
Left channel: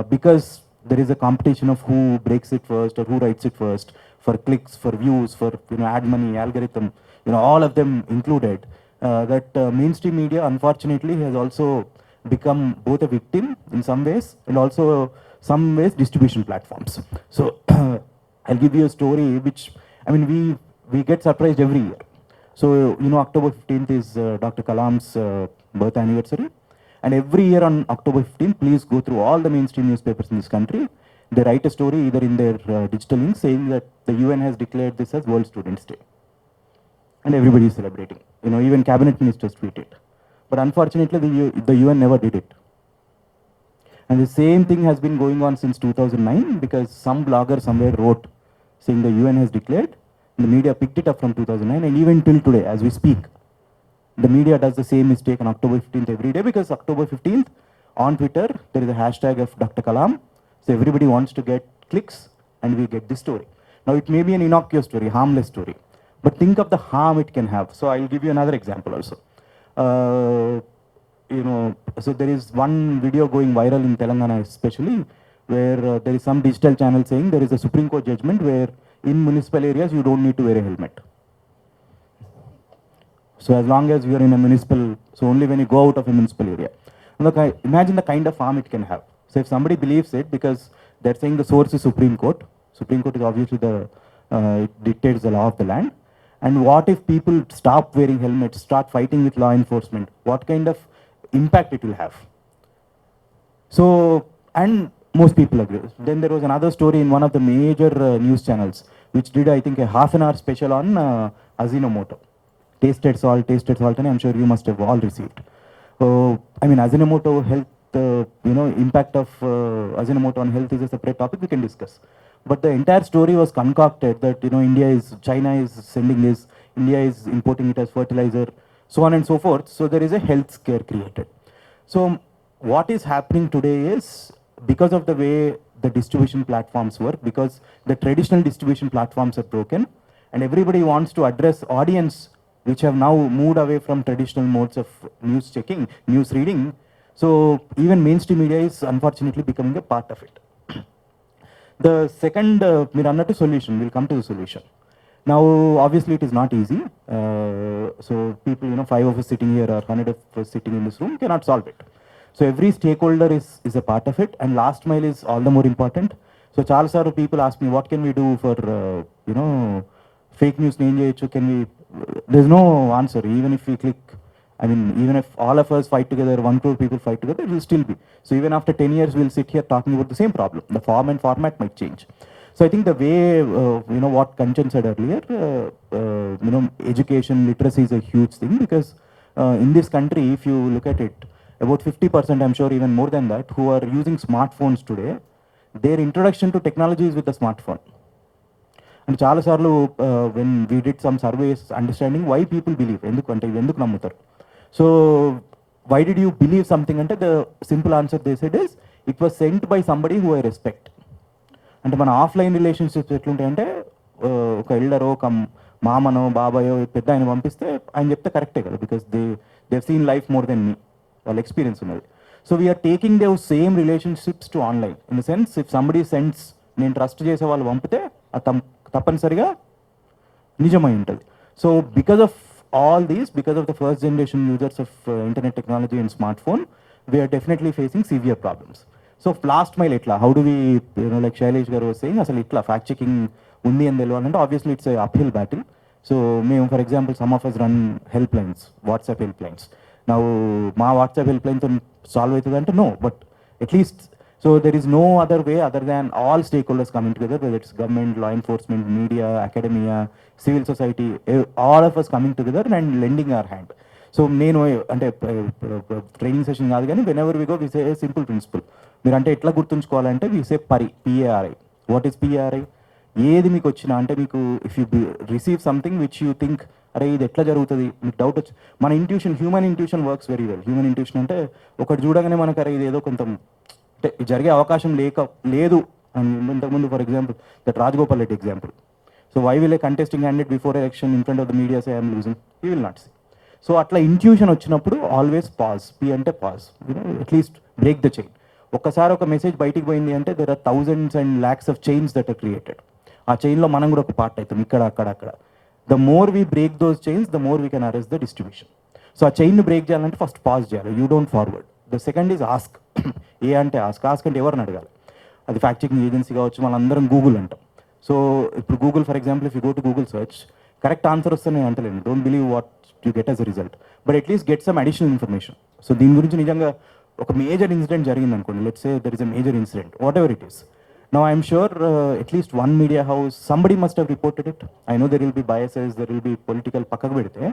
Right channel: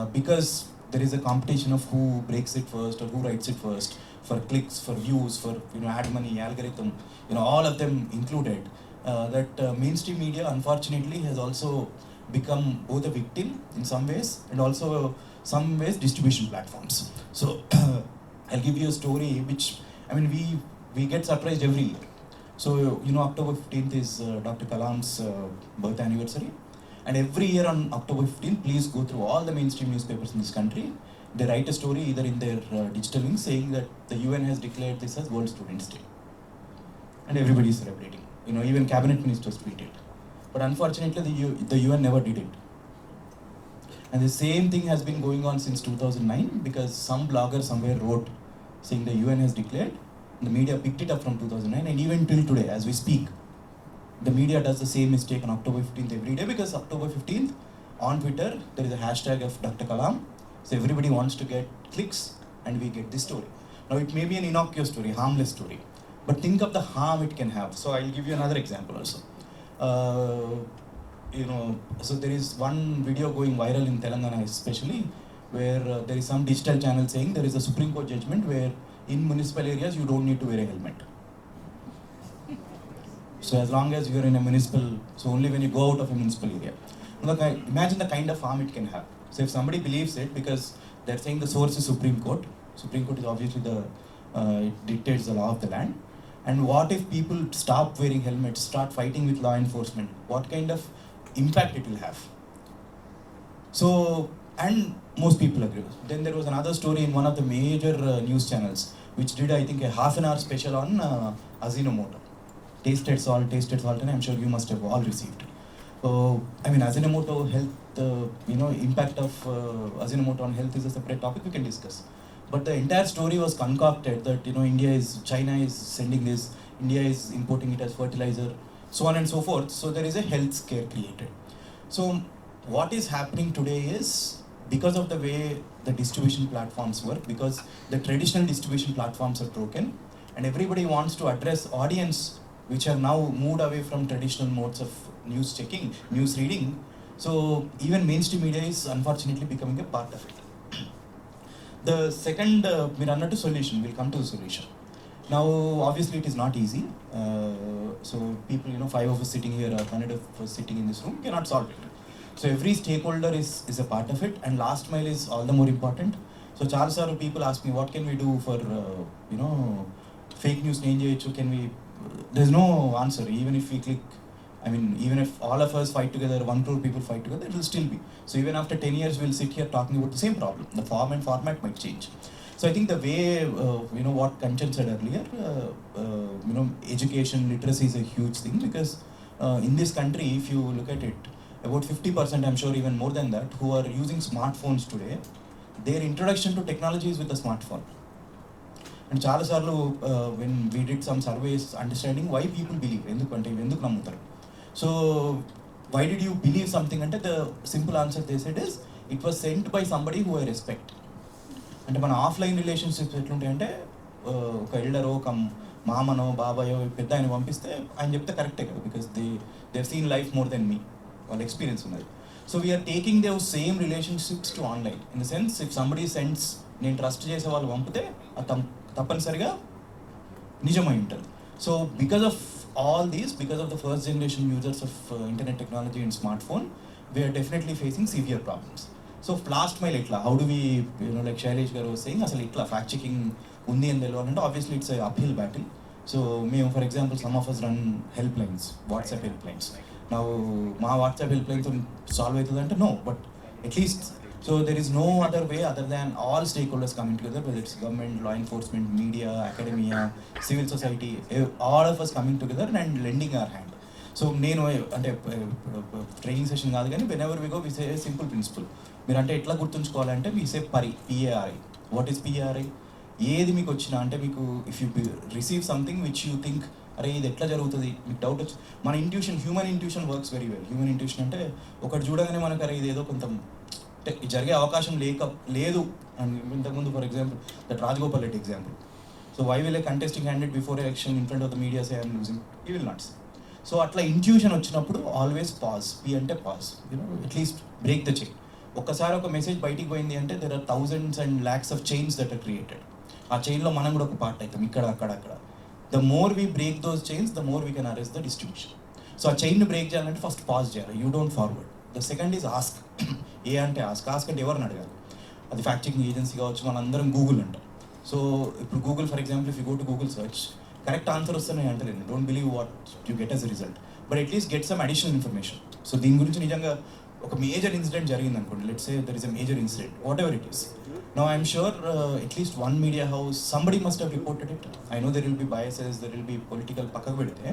because there is a competition of who breaks it first or who writes it first, for clicks, for views, for ad money, algorithm, all of them included, that mainstream media, unfortunately, has also become both a victim in some ways and also some ways distribution platforms. So I'll give you a story which, we get surprised every year. So, October 15th is Dr. Kalam's birth anniversary. And every year on October 15th, please go through all the mainstream newspapers in this country. They write a story either in their digital link saying that the UN has declared this as World Students' Day. And everybody is celebrating. Even cabinet ministers tweet it. But unfortunately, the UN never did it. And the same thing has been going on since 2009, because some blogger somewhere wrote saying the UN has declared. The media picked it up from 2009, and even till today, as we speak, the media does the same mistake on October 15th every day, because October 15th on Twitter, there is a hashtag of Dr. Kalam. So everybody wants to get clicks, and we get this story. Now, it may be an innocuous story, harmless story, but think of the harm it can have. So I'll give you another example also. So there is one video going viral in Telangana especially, where there is some digital channel saying there is a Supreme Court judgment where in municipal areas you don't need to wear a helmet. So as long as you are in a municipal, so only when you go out of a municipal area. Look, imagine the kind of harm it can have. So if somebody believes it, because they're saying the source is Supreme Court is obviously it dictates the law of the land. And what if people stop wearing helmets, start fighting with law enforcement? What kind of impact it will have? So, and most people agree. Then there was another story in one of the major news channels, which did, I think, a half-an-hour special on Ajinomoto. Tasted salt, and I'm sure you must have all received. I mean, Ajinomoto health, impact of Ajinomoto on health is a separate topic we can discuss. But the entire story was concocted that, China is sending this, India is importing it as fertilizer, so on and so forth. So there is a health scare created. So what is happening today is, because of the way the distribution platforms work, because the traditional distribution platforms are broken, and everybody wants to address audience which have now moved away from traditional modes of news checking, news reading. So even mainstream media is unfortunately becoming a part of it. The second, Mirannatu solution, we'll come to the solution. Now, obviously, it is not easy. So people, 5 of us sitting here or 100 of us sitting in this room cannot solve it. So every stakeholder is a part of it, and last mile is all the more important. So Charles, people ask me, what can we do for, fake news? Can we? There's no answer. Even if we click, even if all of us fight together, 1 crore people fight together, it will still be. So even after 10 years, we'll sit here talking about the same problem. The form and format might change. So I think the way, what Kanchan said earlier, education, literacy is a huge thing, because in this country, if you look at it, about 50%, I'm sure even more than that, who are using smartphones today, their introduction to technology is with the smartphone. And చాలా సార్లు when we did some surveys understanding why people believe, ఎందుకు నమ్ముతారు, so why did you believe something అంటే the simple answer they said is, it was sent by somebody who I respect. అంటే మన offline relationships ఎట్లుంటాయంటే, ఒక ఎల్డరో, ఒక మామనో, బాబాయో, పెద్ద ఆయన పంపిస్తే ఆయన చెప్తే కరెక్టే కదా, because they seen life more than me, వాళ్ళ ఎక్స్పీరియన్స్ ఉన్నది. So we're taking the same relationships to online, in the sense if somebody sends, నేను ట్రస్ట్ చేసే వాళ్ళు పంపితే అది తప్పనిసరిగా నిజమై ఉంటుంది. So because of all these, because of the first generation users of internet technology and smartphone, we're definitely facing severe problems. So last mile ఎట్లా, how do we, like Shailesh garu saying, అసలు ఇట్లా ఫ్యాక్ట్ చెకింగ్ ఉంది అని తెలియాలంటే obviously it's uphill battle. So మేము, for example, some of us run help lines, WhatsApp help lines. నా మా WhatsApp help లైన్తో సాల్వ్ అవుతుంది అంటే no, but at least, so there is no other way other than all stakeholders coming together, whether it's government, law enforcement, media, academia, civil society, all of us coming together and lending our hand. So నేను అంటే training session కాదు కానీ, whenever we go we say simple principle. మీరు అంటే ఎట్లా గుర్తుంచుకోవాలంటే, వి సే పిఏఆర్ఐ. What is పిఏఆర్ఐ? ఏది మీకు వచ్చినా అంటే, మీకు if you receive something which you think, అరే ఇది ఎట్లా జరుగుతుంది, మీకు డౌట్ వచ్చి, మన intuition, human intuition works very well. Human intuition అంటే ఒకటి చూడగానే మనకు అరే ఇది ఏదో కొంత జరిగే అవకాశం లేదు అని. ఇంతకుముందు for example that Rajagopal Reddy example. So why will a contesting candidate before election in front of the media say I'm losing, he will not. So అట్లా ఇంట్యూషన్ వచ్చినప్పుడు ఆల్వేస్ పాజ్, పి అంటే pause, at least break the chain. ఒక్కసారి ఒక message బయటికి పోయింది అంటే, there are thousands and lakhs of chains that are created. ఆ చైన్లో మనం కూడా ఒక పార్ట్ అవుతాం, ఇక్కడ అక్కడ అక్కడ. The more we break those chains, the more we can arrest the distribution. So a chain break చేయాలంటే ఫస్ట్ పాజ్ చేయాలి, you don't forward. The second is ask. A అంటే ఆస్క్ అంటే ఎవరిని అడగాలి, అది ఫ్యాక్ట్ చెకింగ్ ఏజెన్సీ కావచ్చు, మనందరం Google అంటాం. సో ఇప్పుడు Google, for example, if you go to Google search, correct answer వస్తే నేను అంటలేను, don't believe what you get as a result, but at least get some additional information. So దీని గురించి నిజంగా ఒక మేజర్ ఇన్సిడెంట్ జరిగింది అనుకోండి, let's say there is a major incident, whatever it is. Now I'm sure at least one media house, somebody must have reported it. I know there will be biases, there will be political పక్కకు పెడితే,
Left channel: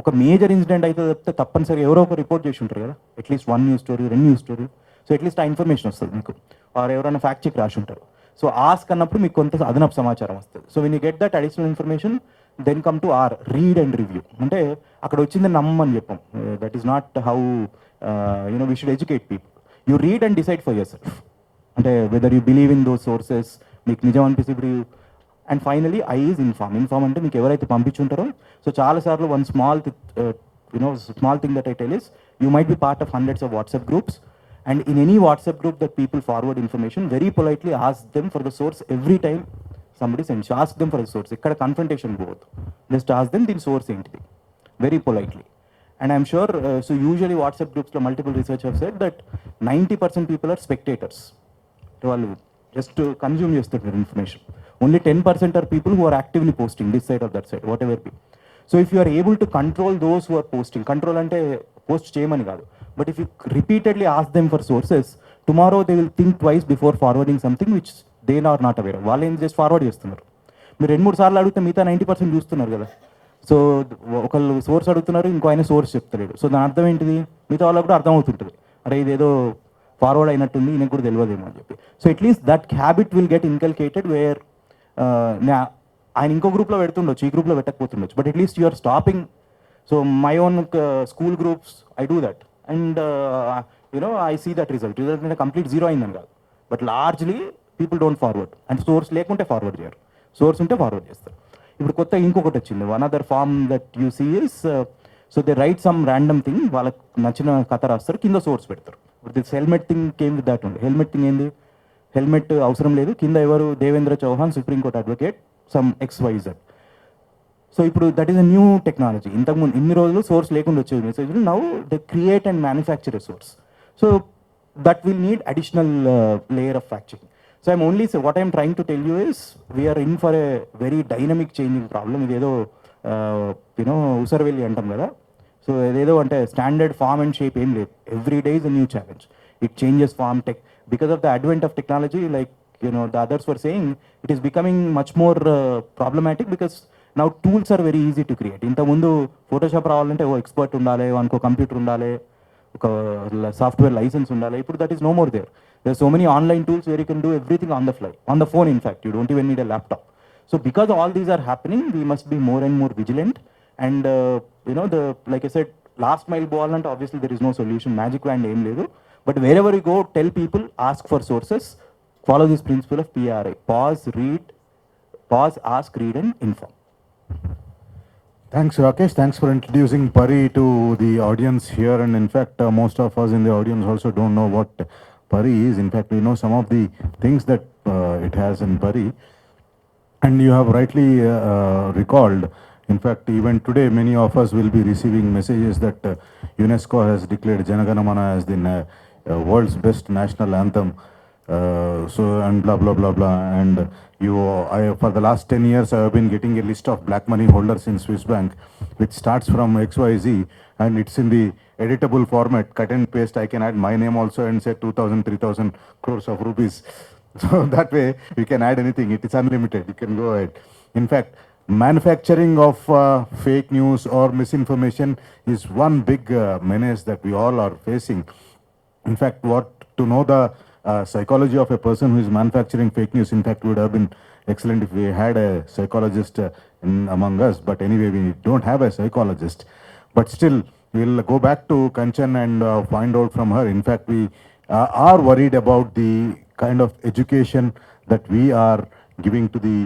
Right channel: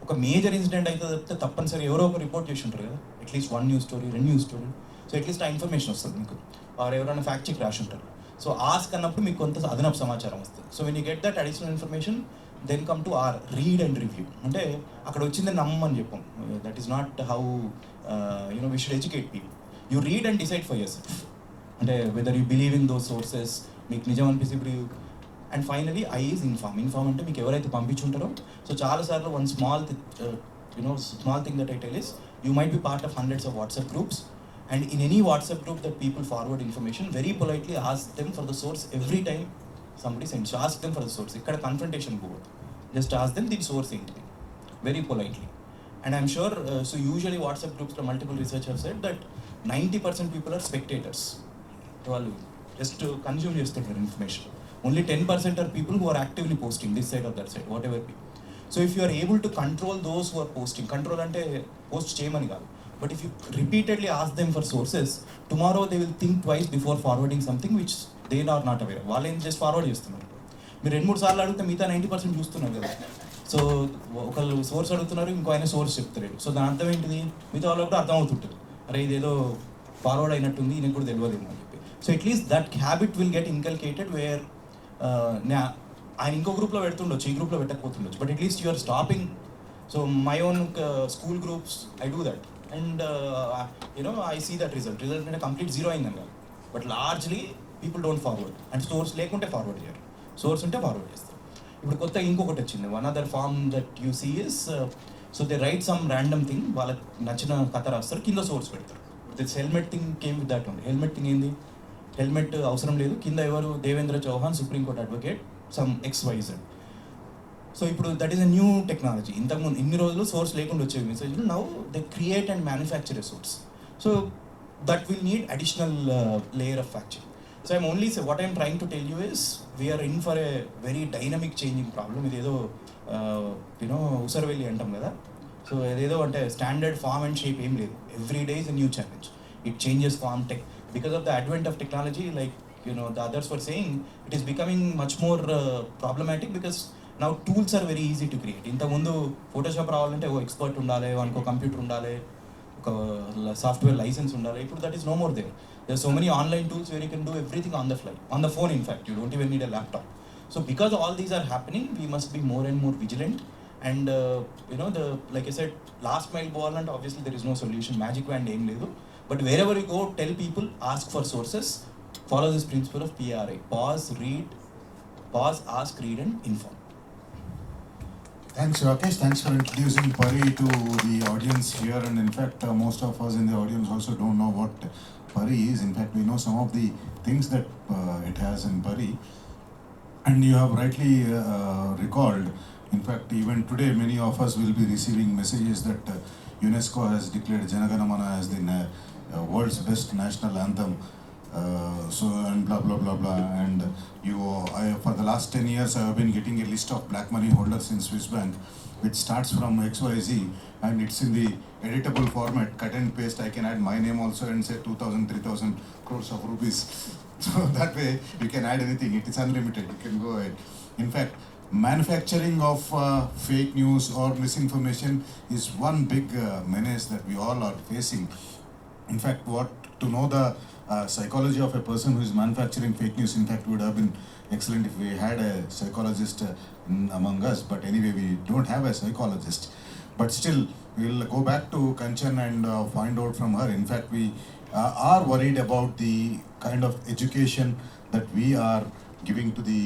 ఒక major incident అయితే తప్పనిసరిగా ఎవరో ఒక report చేసి ఉంటారు కదా, at least 1 news story, 2 news story. So at least ఆ ఇన్ఫర్మేషన్ వస్తుంది మీకు, ఆర్ ఎవరైనా ఫ్యాక్ట్ చెక్ రాసి ఉంటారు. సో ఆస్క్ అన్నప్పుడు మీకు కొంత అదనపు సమాచారం వస్తుంది. So when you get that additional information, then come to or read and review. అంటే అక్కడ వచ్చింది నమ్మని చెప్పాం, that is not how we should educate people. You read and decide for yourself, అంటే whether you believe in those sources, మీకు నిజం అనిపిస్తే. ఇప్పుడు and finally I is inform అంటే మీకు ఎవరైతే పంపించుంటారో. సో చాలాసార్లు one small thing that I tell is, you might B part of hundreds of WhatsApp groups, and in any WhatsApp group that people forward information, very politely ask them for the source every time somebody sends, ask them for the source. ఇక్కడ confrontation పోవద్దు, just ask them దీని source ఏంటిది, very politely. And I'm sure, so usually WhatsApp గ్రూప్స్లో multiple research have said that 90% people are spectators. వాళ్ళు just consume చేస్తారు information. Only 10% are people who are actively posting this side of that side, whatever be. So if you are able to control those who are posting, control అంటే post చేయమని కాదు, but if you repeatedly ask them for sources, tomorrow they will think twice before forwarding something which they are not aware. వాళ్ళు ఏం చేసి forward చేస్తున్నారు, మీరు 2-3 సార్లు అడిగితే మిగతా 90% చూస్తున్నారు కదా. సో ఒకళ్ళు సోర్స్ అడుగుతున్నారు, ఇంకో ఆయన సోర్స్ చెప్తారు. సో దాని అర్థం ఏంటిది, మిగతా వాళ్ళు కూడా అర్థం అవుతుంటారు, అరే ఇదేదో ఫార్వర్డ్ అయినట్టుంది, ఈయనకు కూడా తెలియదేమో అని చెప్పి. So at least that habit will get inculcated where ఆయన ఇంకో గ్రూప్లో పెడుతుండొచ్చు, ఈ గ్రూప్లో పెట్టకపోతుండొచ్చు, but at least you're stopping. So my own school groups I do that and I see that result అంటే కంప్లీట్ జీరో అయిందని కాదు, but largely people don't forward. And source లేకుంటే ఫార్వర్డ్ చేయరు, సోర్స్ ఉంటే ఫార్వర్డ్ చేస్తారు. ఇప్పుడు కొత్త ఇంకొకటి వచ్చింది, one other form that you see is, so they write some random thing, వాళ్ళకి నచ్చిన కథ రాస్తారు, కింద సోర్స్ పెడతారు. ఇప్పుడు this helmet thing came with that ఉంది. హెల్మెట్ థింగ్ ఏంది, హెల్మెట్ అవసరం లేదు, కింద ఎవరు, Devendra Chauhan Supreme Court advocate some XYZ. So ఇప్పుడు that is a new technology. ఇంతకుముందు ఇన్ని రోజులు సోర్స్ లేకుండా వచ్చేది మెసేజ్లు, now they create and manufacture a source. So that will need additional layer of fact checking. So I'm only, so what I'm trying to tell you is we are in for a very dynamic changing problem. ఇదేదో ఉసరవెల్లి అంటాం కదా, so ఇదేదో అంటే standard form and shape ఏం లేదు. Every day is a new challenge. It changes form tech because of the advent of technology. Like the others were saying, it is becoming much more problematic because now tools are very easy to create. ఇంతకుముందు Photoshop రావాలంటే ఓ expert ఉండాలి, వానికి computer ఉండాలి, ఒక software licence ఉండాలి. ఇప్పుడు that is no more there. There are so many online tools where you can do everything on the fly, on the phone in fact. You don't even need a laptop. So because all these are happening, we must be more and more vigilant. And like I said, last mile boalante, obviously there is no solution, magic wand em ledu. But wherever you go, tell people, ask for sources, follow this principle of PRI: pause, read, pause, ask, read and inform. Thanks, Rakesh. Thanks for introducing Pari to the audience here. And in fact, most of us in the audience also don't know what Pari is. In fact, we know some of the things that it has in Pari. And you have rightly recalled, in fact, even today, many of us will be receiving messages that UNESCO has declared Janagana Mana as the world's best national anthem. So, and blah, blah, blah, blah. And for the last 10 years, I have been getting a list of black money holders in Swiss Bank, which starts from XYZ, and it's in the editable format, cut and paste. I can add my name also and say 2,000, 3,000 crores of rupees. So that way, you can add anything. It is unlimited. You can go ahead. In fact, manufacturing of fake news or misinformation is one big menace that we all are facing. In fact, to know the psychology of a person who is manufacturing fake news, in fact, would have been excellent if we had a psychologist among us. But anyway, we don't have a psychologist. But still, we'll go back to Kanchan and find out from her. In fact, we are worried about the kind of education that we are giving to the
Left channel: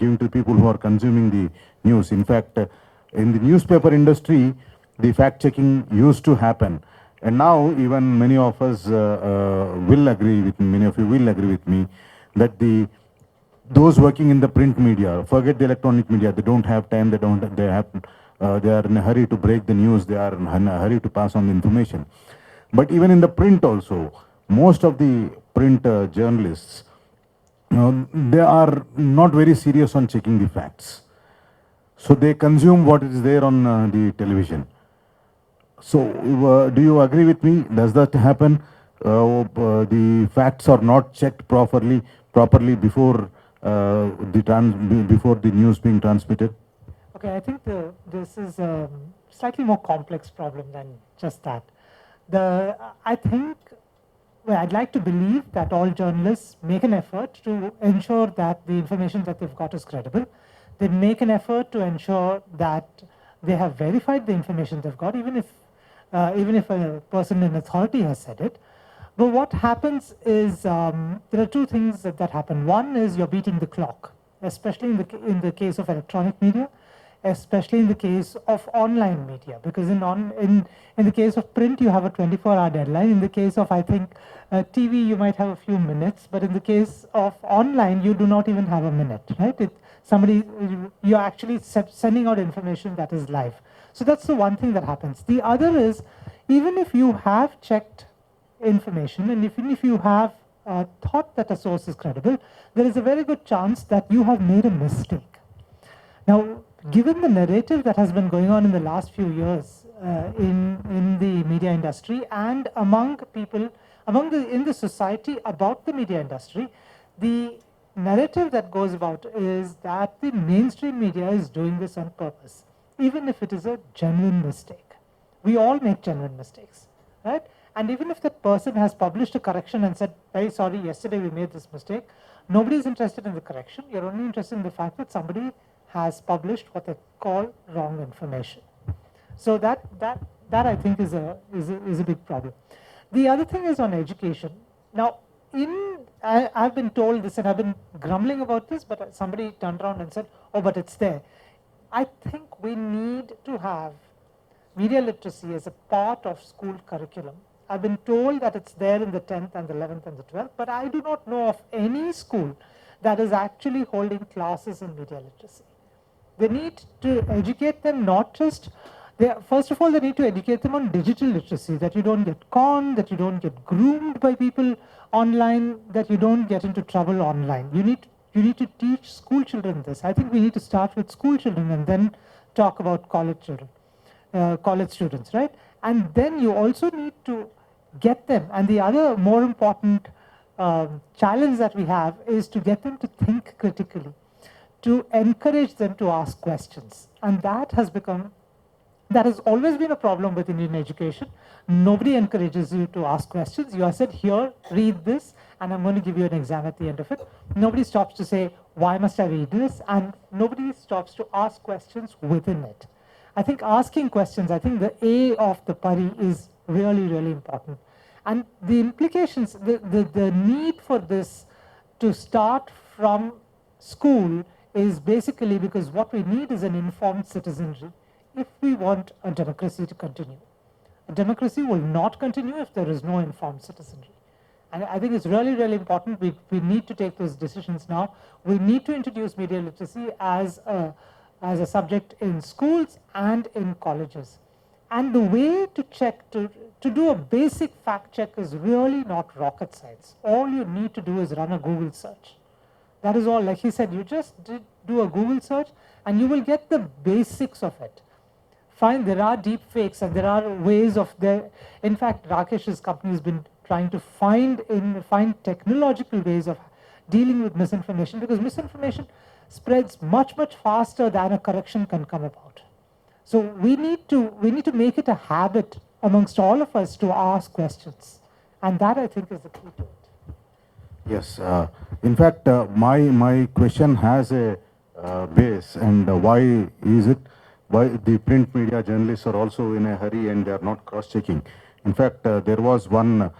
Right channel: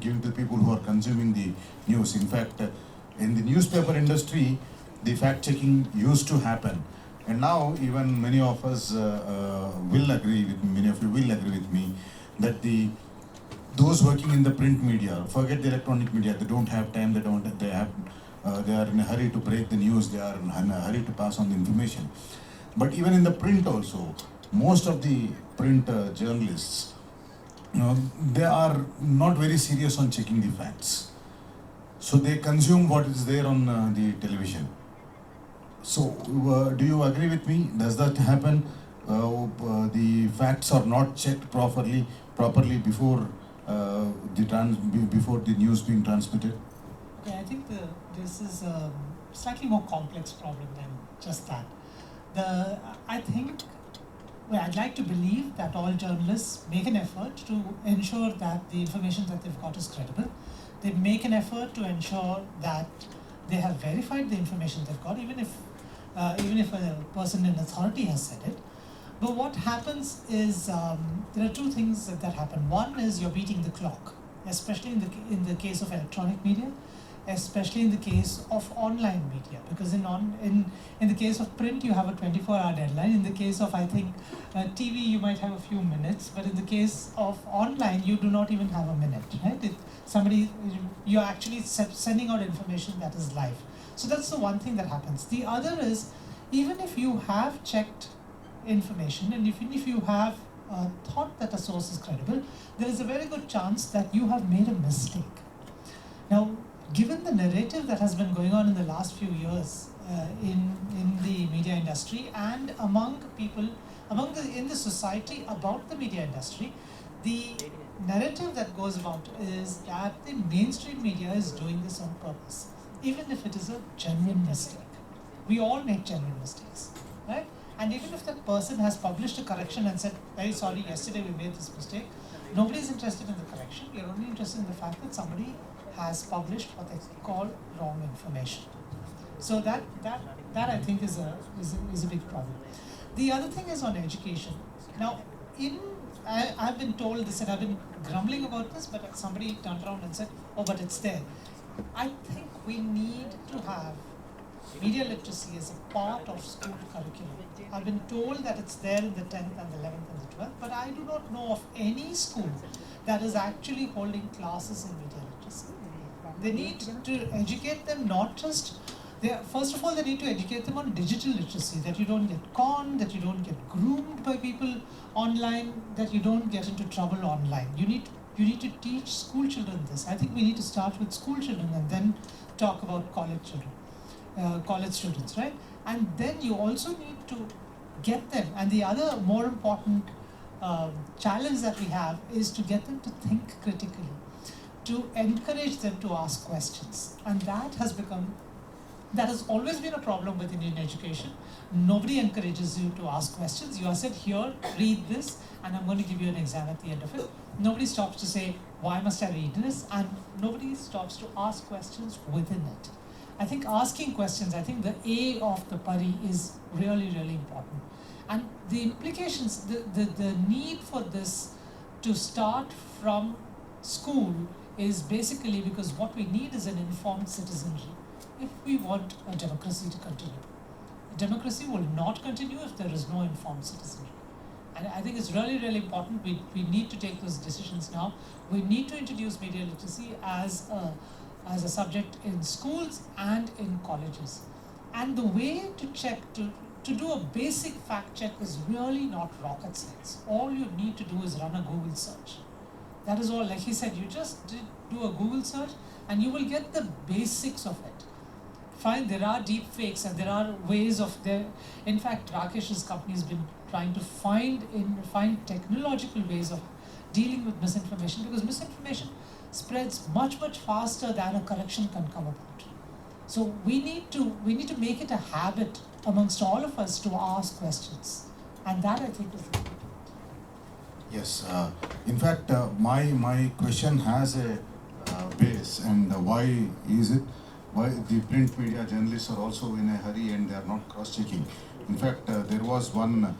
giving to people who are consuming the news. In fact, in the newspaper industry, the fact checking used to happen. And now even many of us will agree with me, many of you will agree with me, that those working in the print media, forget the electronic media, they don't have time, they are in a hurry to break the news, they are in a hurry to pass on the information. But even in the print also, most of the print journalists, they are not very serious on checking the facts. So they consume what is there on the television. So, do you agree with me? Does that happen? The facts are not checked properly before before the news being transmitted? Okay, I think this is a slightly more complex problem than just that. I'd like to believe that all journalists make an effort to ensure that the information that they've got is credible. They make an effort to ensure that they have verified the information they've got, even if a person in authority has said it. But what happens is there are two things that happen. One is you're beating the clock, especially in the case of electronic media, especially in the case of online media, because in the case of print you have a 24-hour deadline. In the case of, I think, TV you might have a few minutes, but in the case of online you do not even have a minute, right? You're actually sending out information that is live. So that's the one thing that happens. The other is, even if you have checked information and even if you have thought that a source is credible, there is a very good chance that you have made a mistake. Now, given the narrative that has been going on in the last few years in the media industry and among people, in the society about the media industry, narrative that goes about is that the mainstream media is doing this on purpose, even if it is a genuine mistake. We all make genuine mistakes, right? And even if that person has published a correction and said, very sorry, yesterday we made this mistake, nobody is interested in the correction. You're only interested in the fact that somebody has published what they call wrong information. So that I think is a big problem. The other thing is on education. Now, I've been told this and I've been grumbling about this, but somebody turned around and said, oh, but it's there. I think we need to have media literacy as a part of school curriculum. I've been told that it's there in the 10th and the 11th and the 12th, but I do not know of any school that is actually holding classes in media literacy. They need to educate them not just, first of all, they need to educate them on digital literacy, that you don't get conned, that you don't get groomed by people online, that you don't get into trouble online. You need to teach school children this. I think we need to start with school children and then talk about college children. College students, right? And then you also need to get them, and the other more important challenge that we have is to get them to think critically, to encourage them to ask questions. And that has always been a problem with Indian education. Nobody encourages you to ask questions. You are said, here, read this, and I'm going to give you an exam at the end of it. Nobody stops to say, why must I read this? And nobody stops to ask questions within it. I think asking questions, I think the A of the pari is really, really important. And the implications, the need for this to start from school is basically because what we need is an informed citizenry if we want a democracy to continue. A democracy will not continue if there is no informed citizenry. And I think it's really, really important. We need to take those decisions now. We need to introduce media literacy as a subject in schools and in colleges. And the way to check, to do a basic fact check is really not rocket science. All you need to do is run a Google search. That is all. Like he said, you just do a Google search and you will get the basics of it. Fine, there are deep fakes and there are ways of there. In fact, Rakesh's company has been trying to find technological ways of dealing with misinformation, because misinformation spreads much, much faster than a correction can come about. So we need to make it a habit amongst all of us to ask questions. And that, I think, is the key. Yes. In fact, my question has a base, and why the print media journalists are also in a hurry and they are not cross-checking. In fact, there was one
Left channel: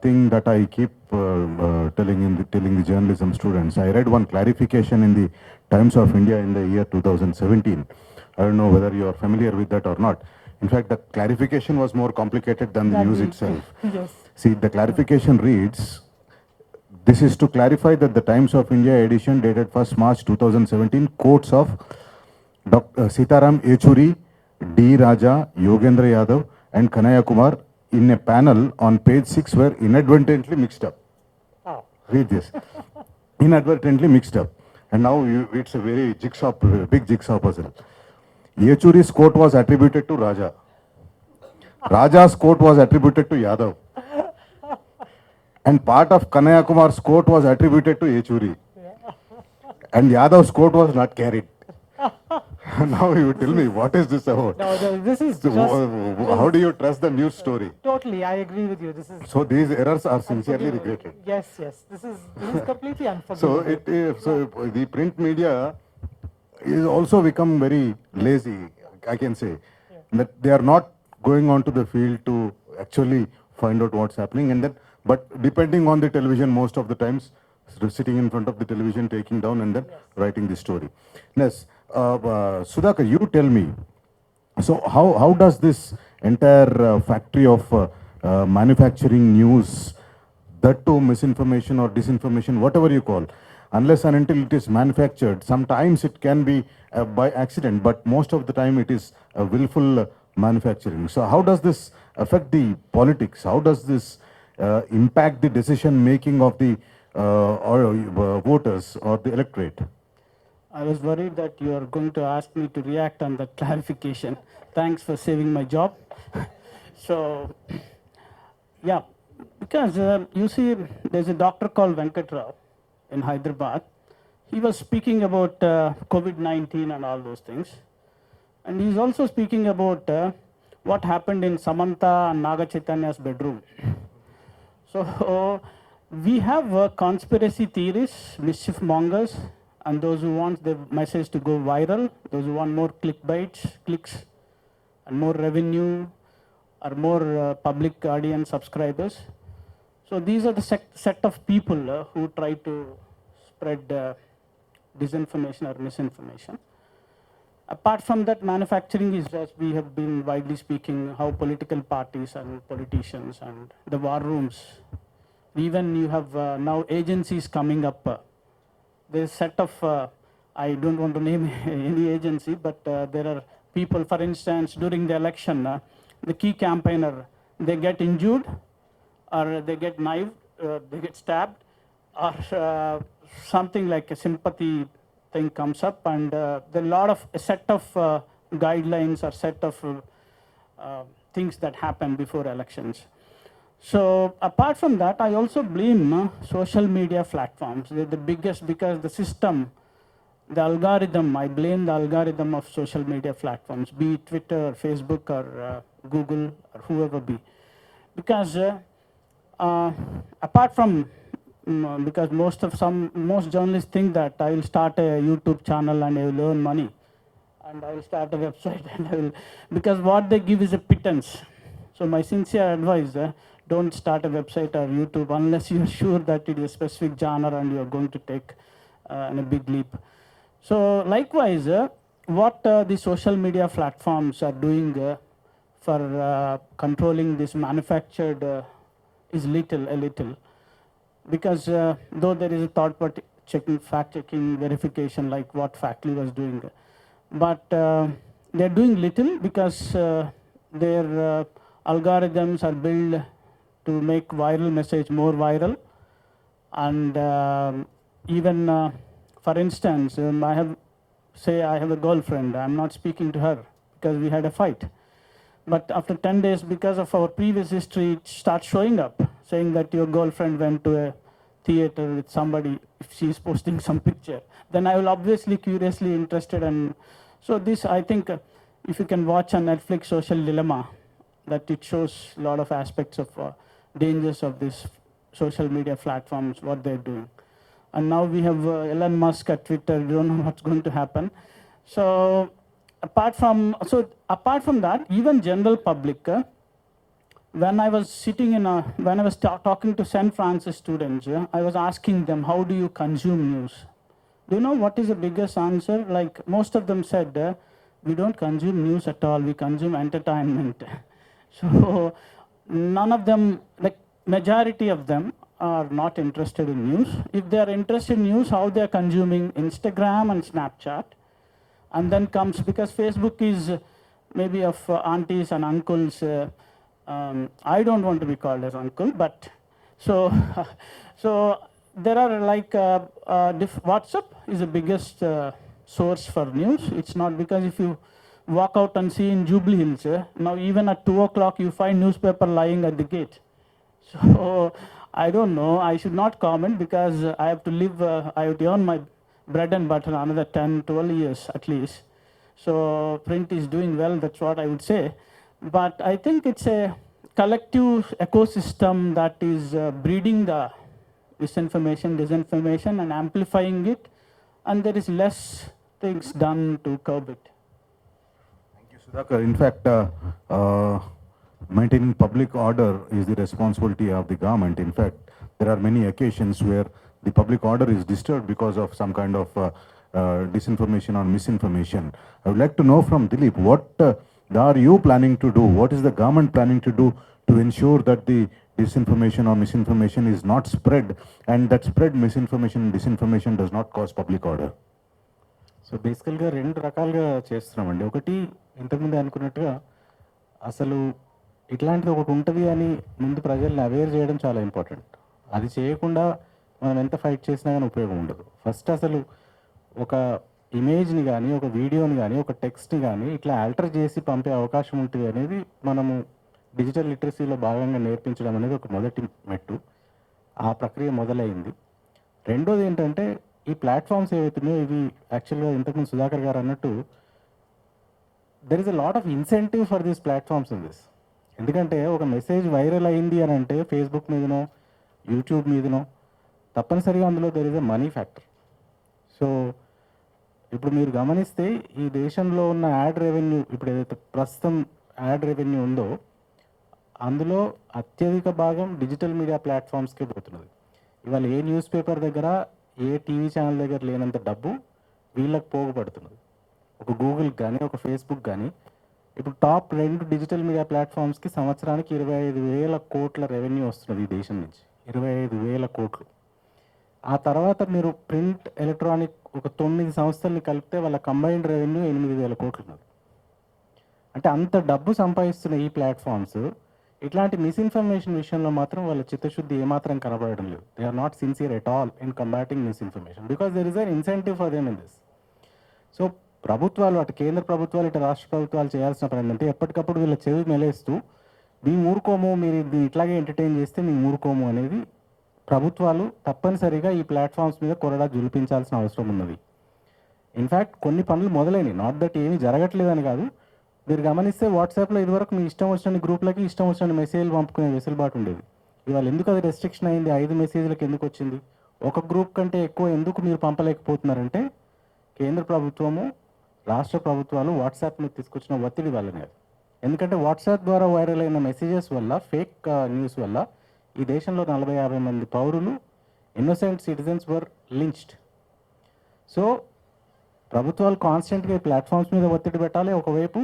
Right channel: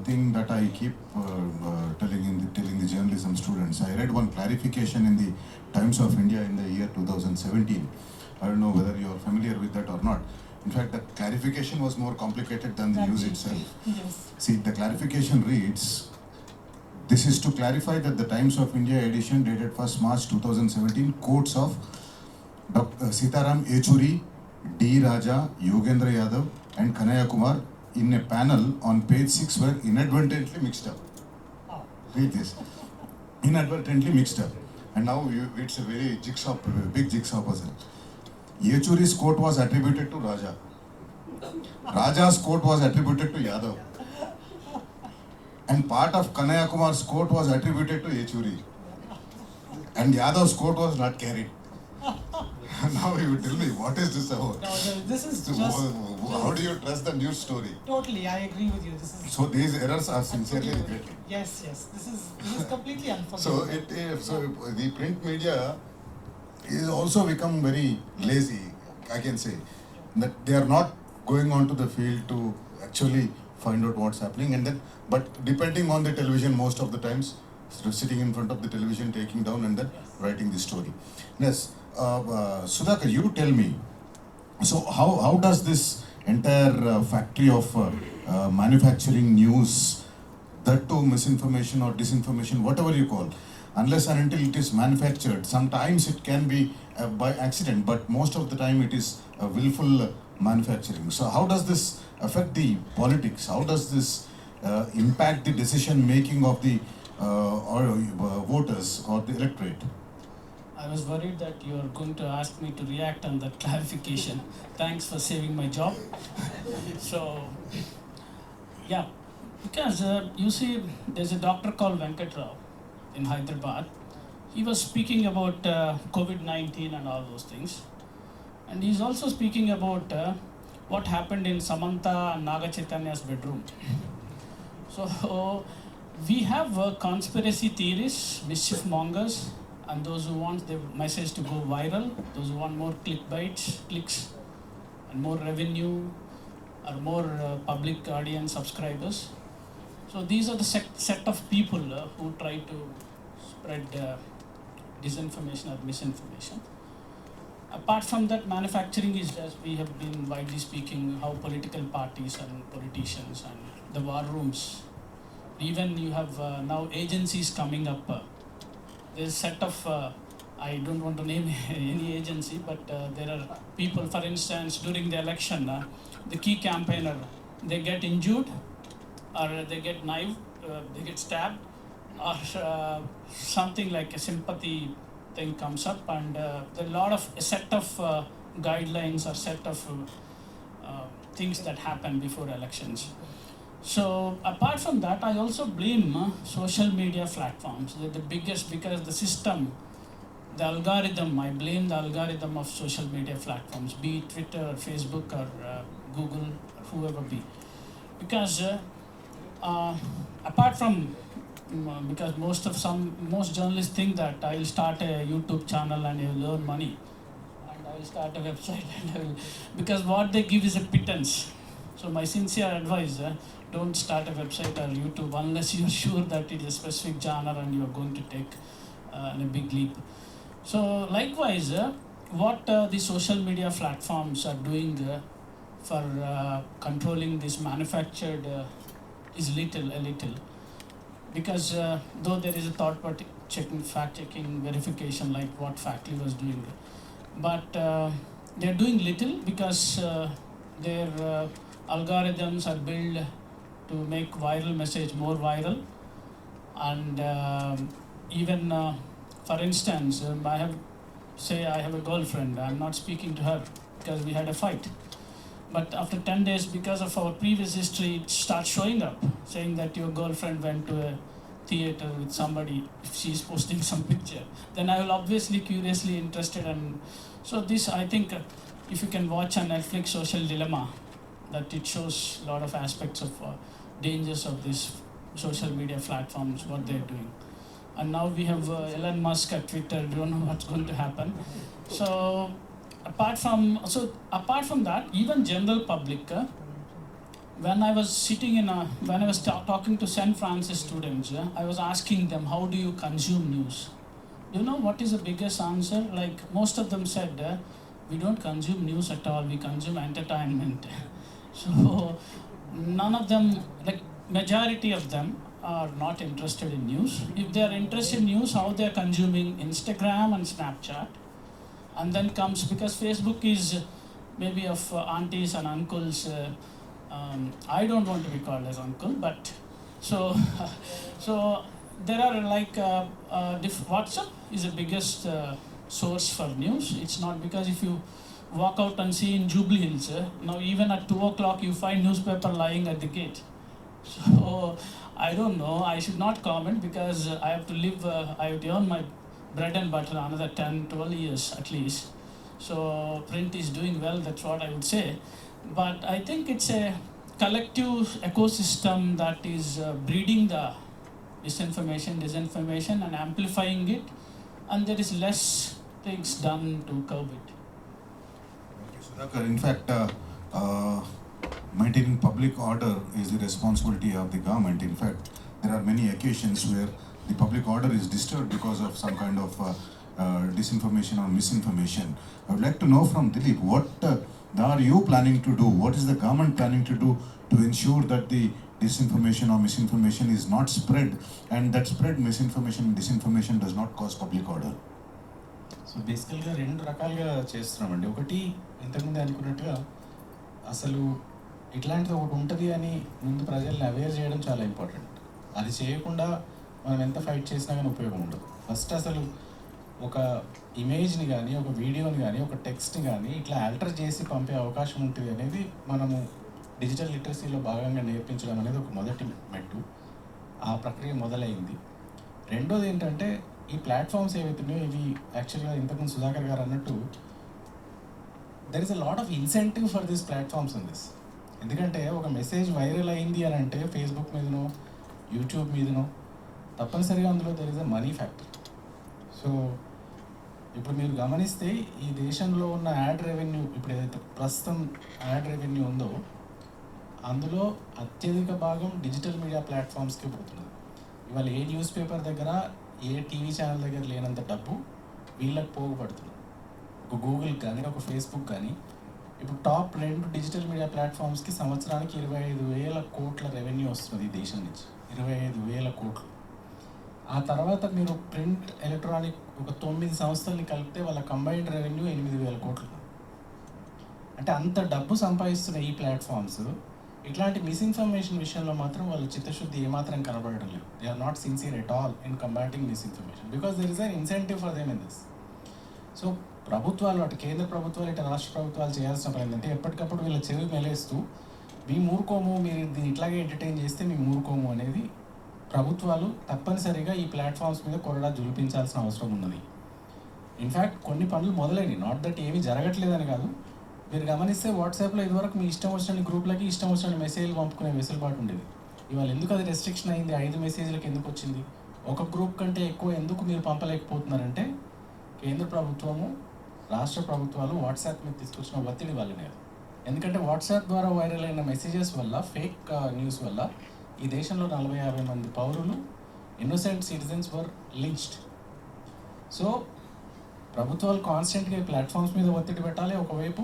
thing that I keep telling the journalism students. I read one clarification in the Times of India in the year 2017. I don't know whether you are familiar with that or not. In fact, the clarification was more complicated than the news itself. Yes. See, the clarification reads, this is to clarify that the Times of India edition dated 1st March 2017 quotes of Dr. Sitaram Yechuri, D. Raja, Yogendra Yadav and Kanaya Kumar in a panel on page 6 were inadvertently mixed up. Oh. Read this. Inadvertently mixed up. And now it's a very big jigsaw puzzle. Yechuri's quote was attributed to Raja. Raja's quote was attributed to Yadav. And part of Kanaya Kumar's quote was attributed to Yechuri. And Yadav's quote was not carried. Now you tell me, what is this about? No, this is how do you trust the news story? Totally, I agree with you. So these errors are sincerely regretted. Yes. This is completely unforgivable. So the print media is also become very lazy, I can say. That they are not going onto the field to actually find out what's happening, and then, but depending on the television most of the times, sitting in front of the television, taking down and then writing the story. Yes. Sudhakar, you tell me, so how does this entire factory of manufacturing news, that too misinformation or disinformation, whatever you call, unless and until it is manufactured, sometimes it can be by accident, but most of the time it is a willful manufacturing. So how does this affect the politics? How does this impact the decision making of the voters or the electorate? I was worried that you are going to ask me to react on that clarification. Thanks for saving my job. So, yeah, because you see, there's a doctor called Venkat Rao. in Hyderabad. He was speaking about COVID-19 and all those things. And he's also speaking about what happened in Samantha and Naga Chaitanya's bedroom. So we have conspiracy theories, mischief mongers, and those who want the message to go viral, those who want more clicks, and more revenue, or more public audience subscribers. So these are the set of people who try to spread disinformation or misinformation. Apart from that, manufacturing is, as we have been widely speaking, how political parties and politicians and the war rooms. Even you have now agencies coming up. There's a set of, I don't want to name any agency, but there are people, for instance, during the election, the key campaigner, they get injured or they get knifed, they get stabbed, or something like a sympathy thing comes up, and there are a set of guidelines or set of things that happen before elections. So apart from that, I also blame social media platforms. They're the biggest because the system, the algorithm, I blame the algorithm of social media platforms, be it Twitter or Facebook or Google or whoever be. Because apart from because most journalists think that I will start a YouTube channel and I will earn money, and I will start a website and because what they give is a pittance. So my sincere advice: don't start a website or YouTube unless you are sure that it is a specific genre and you are going to take a big leap. So likewise, what the social media platforms are doing for controlling this manufactured is a little. Because though there is a third party fact checking, verification like what Factly was doing, but they're doing little because their algorithms are built to make viral message more viral. And even for instance, I have a girlfriend, I'm not speaking to her because we had a fight. But after 10 days, because of our previous history, it starts showing up, saying that your girlfriend went to a theater with somebody, if she's posting some picture. Then I will obviously curiously interested. And so this, I think, if you can watch on Netflix Social Dilemma, that it shows a lot of aspects of dangers of these social media platforms, what they're doing. And now we have Elon Musk at Twitter, we don't know what's going to happen. So apart from that, even general public, when I was talking to St. Francis students, I was asking them, how do you consume news? Do you know what is the biggest answer? Like most of them said, we don't consume news at all, we consume entertainment. So none of them, like majority of them, are not interested in news. If they are interested in news, how they are consuming Instagram and Snapchat. And then comes, because Facebook is maybe of aunties and uncles. I don't want to be called as uncle, but so there are like WhatsApp is the biggest source for news. It's not because if you walk out and see in Jubilee Hills, now even at 2 o'clock you find newspaper lying at the gate. So I don't know. I should not comment because I have to live. I have beyond my bread and butter another 10, 12 years at least. So print is doing well, that's what I would say. But I think it's a collective ecosystem that is breeding the misinformation, disinformation and amplifying it, and there is less things done to curb it. Sudhakar, in fact, maintaining public order is the responsibility of the government. In fact, there are many occasions where the public order is disturbed because of some kind of disinformation or misinformation. I would like to know from Dilip, what are you planning to do? What is the government planning to do to ensure that the disinformation or misinformation is not spread, and that spread misinformation and disinformation does not cause public order? So బేసికల్గా రెండు రకాలుగా చేస్తున్నామండి. ఒకటి ఇంతకుముందు అనుకున్నట్టుగా అసలు ఇట్లాంటిది ఒకటి ఉంటుంది అని ముందు ప్రజల్ని అవేర్ చేయడం చాలా ఇంపార్టెంట్. అది చేయకుండా మనం ఎంత ఫైట్ చేసినా కానీ ఉపయోగం ఉండదు. ఫస్ట్ అసలు ఒక ఇమేజ్ని కానీ, ఒక వీడియోని కానీ, ఒక టెక్స్ట్ని కానీ ఇట్లా ఆల్టర్ చేసి పంపే అవకాశం ఉంటుంది అనేది మనము డిజిటల్ లిటరసీలో భాగంగా నేర్పించడం అనేది ఒక మొదటి మెట్టు. ఆ ప్రక్రియ మొదలైంది. రెండోది ఏంటంటే ఈ ప్లాట్ఫామ్స్ ఏవైతున్నాయో ఇవి యాక్చువల్గా ఇంతకుముందు సుధాకర్ గారు అన్నట్టు there is a lot of incentive for these platforms in this. ఎందుకంటే ఒక మెసేజ్ వైరల్ అయింది అని అంటే ఫేస్బుక్ మీదనో యూట్యూబ్ మీదనో తప్పనిసరిగా అందులో there is a money factor. So ఇప్పుడు మీరు గమనిస్తే ఈ దేశంలో ఉన్న యాడ్ రెవెన్యూ, ఇప్పుడు ఏదైతే ప్రస్తుతం యాడ్ రెవెన్యూ ఉందో అందులో అత్యధిక భాగం డిజిటల్ మీడియా ప్లాట్ఫామ్స్కి పెడుతున్నారు. ఇవాళ ఏ న్యూస్ పేపర్ దగ్గర ఏ టీవీ ఛానల్ దగ్గర లేనంత డబ్బు వీళ్ళకి పోగుపడుతుంది. ఒక గూగుల్ కానీ ఒక ఫేస్బుక్ కానీ ఇప్పుడు టాప్ 2 డిజిటల్ మీడియా ప్లాట్ఫామ్స్కి సంవత్సరానికి 25,000 కోట్ల రెవెన్యూ వస్తుంది ఈ దేశం నుంచి. 25,000 కోట్లు. ఆ తర్వాత మీరు ప్రింట్ ఎలక్ట్రానిక్ ఒక 9 సంస్థల్ని కలిపితే వాళ్ళ కంబైన్డ్ రెవెన్యూ 8,000 కోట్లు. అంటే అంత డబ్బు సంపాదిస్తున్న ఈ ప్లాట్ఫామ్స్ ఇట్లాంటి మిస్ఇన్ఫర్మేషన్ విషయంలో మాత్రం వాళ్ళ చిత్తశుద్ధి ఏమాత్రం కనబడడం లేదు. They are not sincere at all in combating misinformation because there is a incentive for them in this. So ప్రభుత్వాలు, అటు కేంద్ర ప్రభుత్వాలు ఇటు రాష్ట్ర ప్రభుత్వాలు చేయాల్సిన పని ఏంటంటే ఎప్పటికప్పుడు వీళ్ళ చెవి మెలేస్తూ మేము ఊరుకోము, మీరు ఇది ఇట్లాగే ఎంటర్టైన్ చేస్తే మేము ఊరుకోము అనేది ప్రభుత్వాలు తప్పనిసరిగా ఈ ప్లాట్ఫామ్స్ మీద కొరడా జులిపించాల్సిన అవసరం ఉన్నది. ఇన్ఫ్యాక్ట్ కొన్ని పనులు మొదలైనవి, నాట్ దట్ ఏమీ జరగట్లేదని కాదు. మీరు గమనిస్తే వాట్సాప్లో ఇదివరకు మీ ఇష్టం వచ్చిన గ్రూప్లకి ఇష్టం వచ్చిన మెసేజ్లు పంపుకునే వెసులుబాటు ఉండేది. ఇవాళ ఎందుకు అది రెస్ట్రిక్షన్ అయింది? 5 మెసేజ్లకు ఎందుకు వచ్చింది? ఒక గ్రూప్ కంటే ఎక్కువ ఎందుకు మీరు పంపలేకపోతున్నారంటే కేంద్ర ప్రభుత్వము రాష్ట్ర ప్రభుత్వాలు వాట్సాప్ మీద తీసుకొచ్చిన ఒత్తిడి వల్ల మీద. ఎందుకంటే వాట్సాప్ ద్వారా వైరల్ అయిన మెసేజెస్ వల్ల, ఫేక్ న్యూస్ వల్ల ఈ దేశంలో 40-50 మంది పౌరులు, ఇన్నోసెంట్ సిటిజన్స్ వర్ లించ్డ్. సో ప్రభుత్వాలు కాన్స్టెంట్గా ప్లాట్ఫామ్స్ మీద ఒత్తిడి పెట్టాలి ఒకవైపు,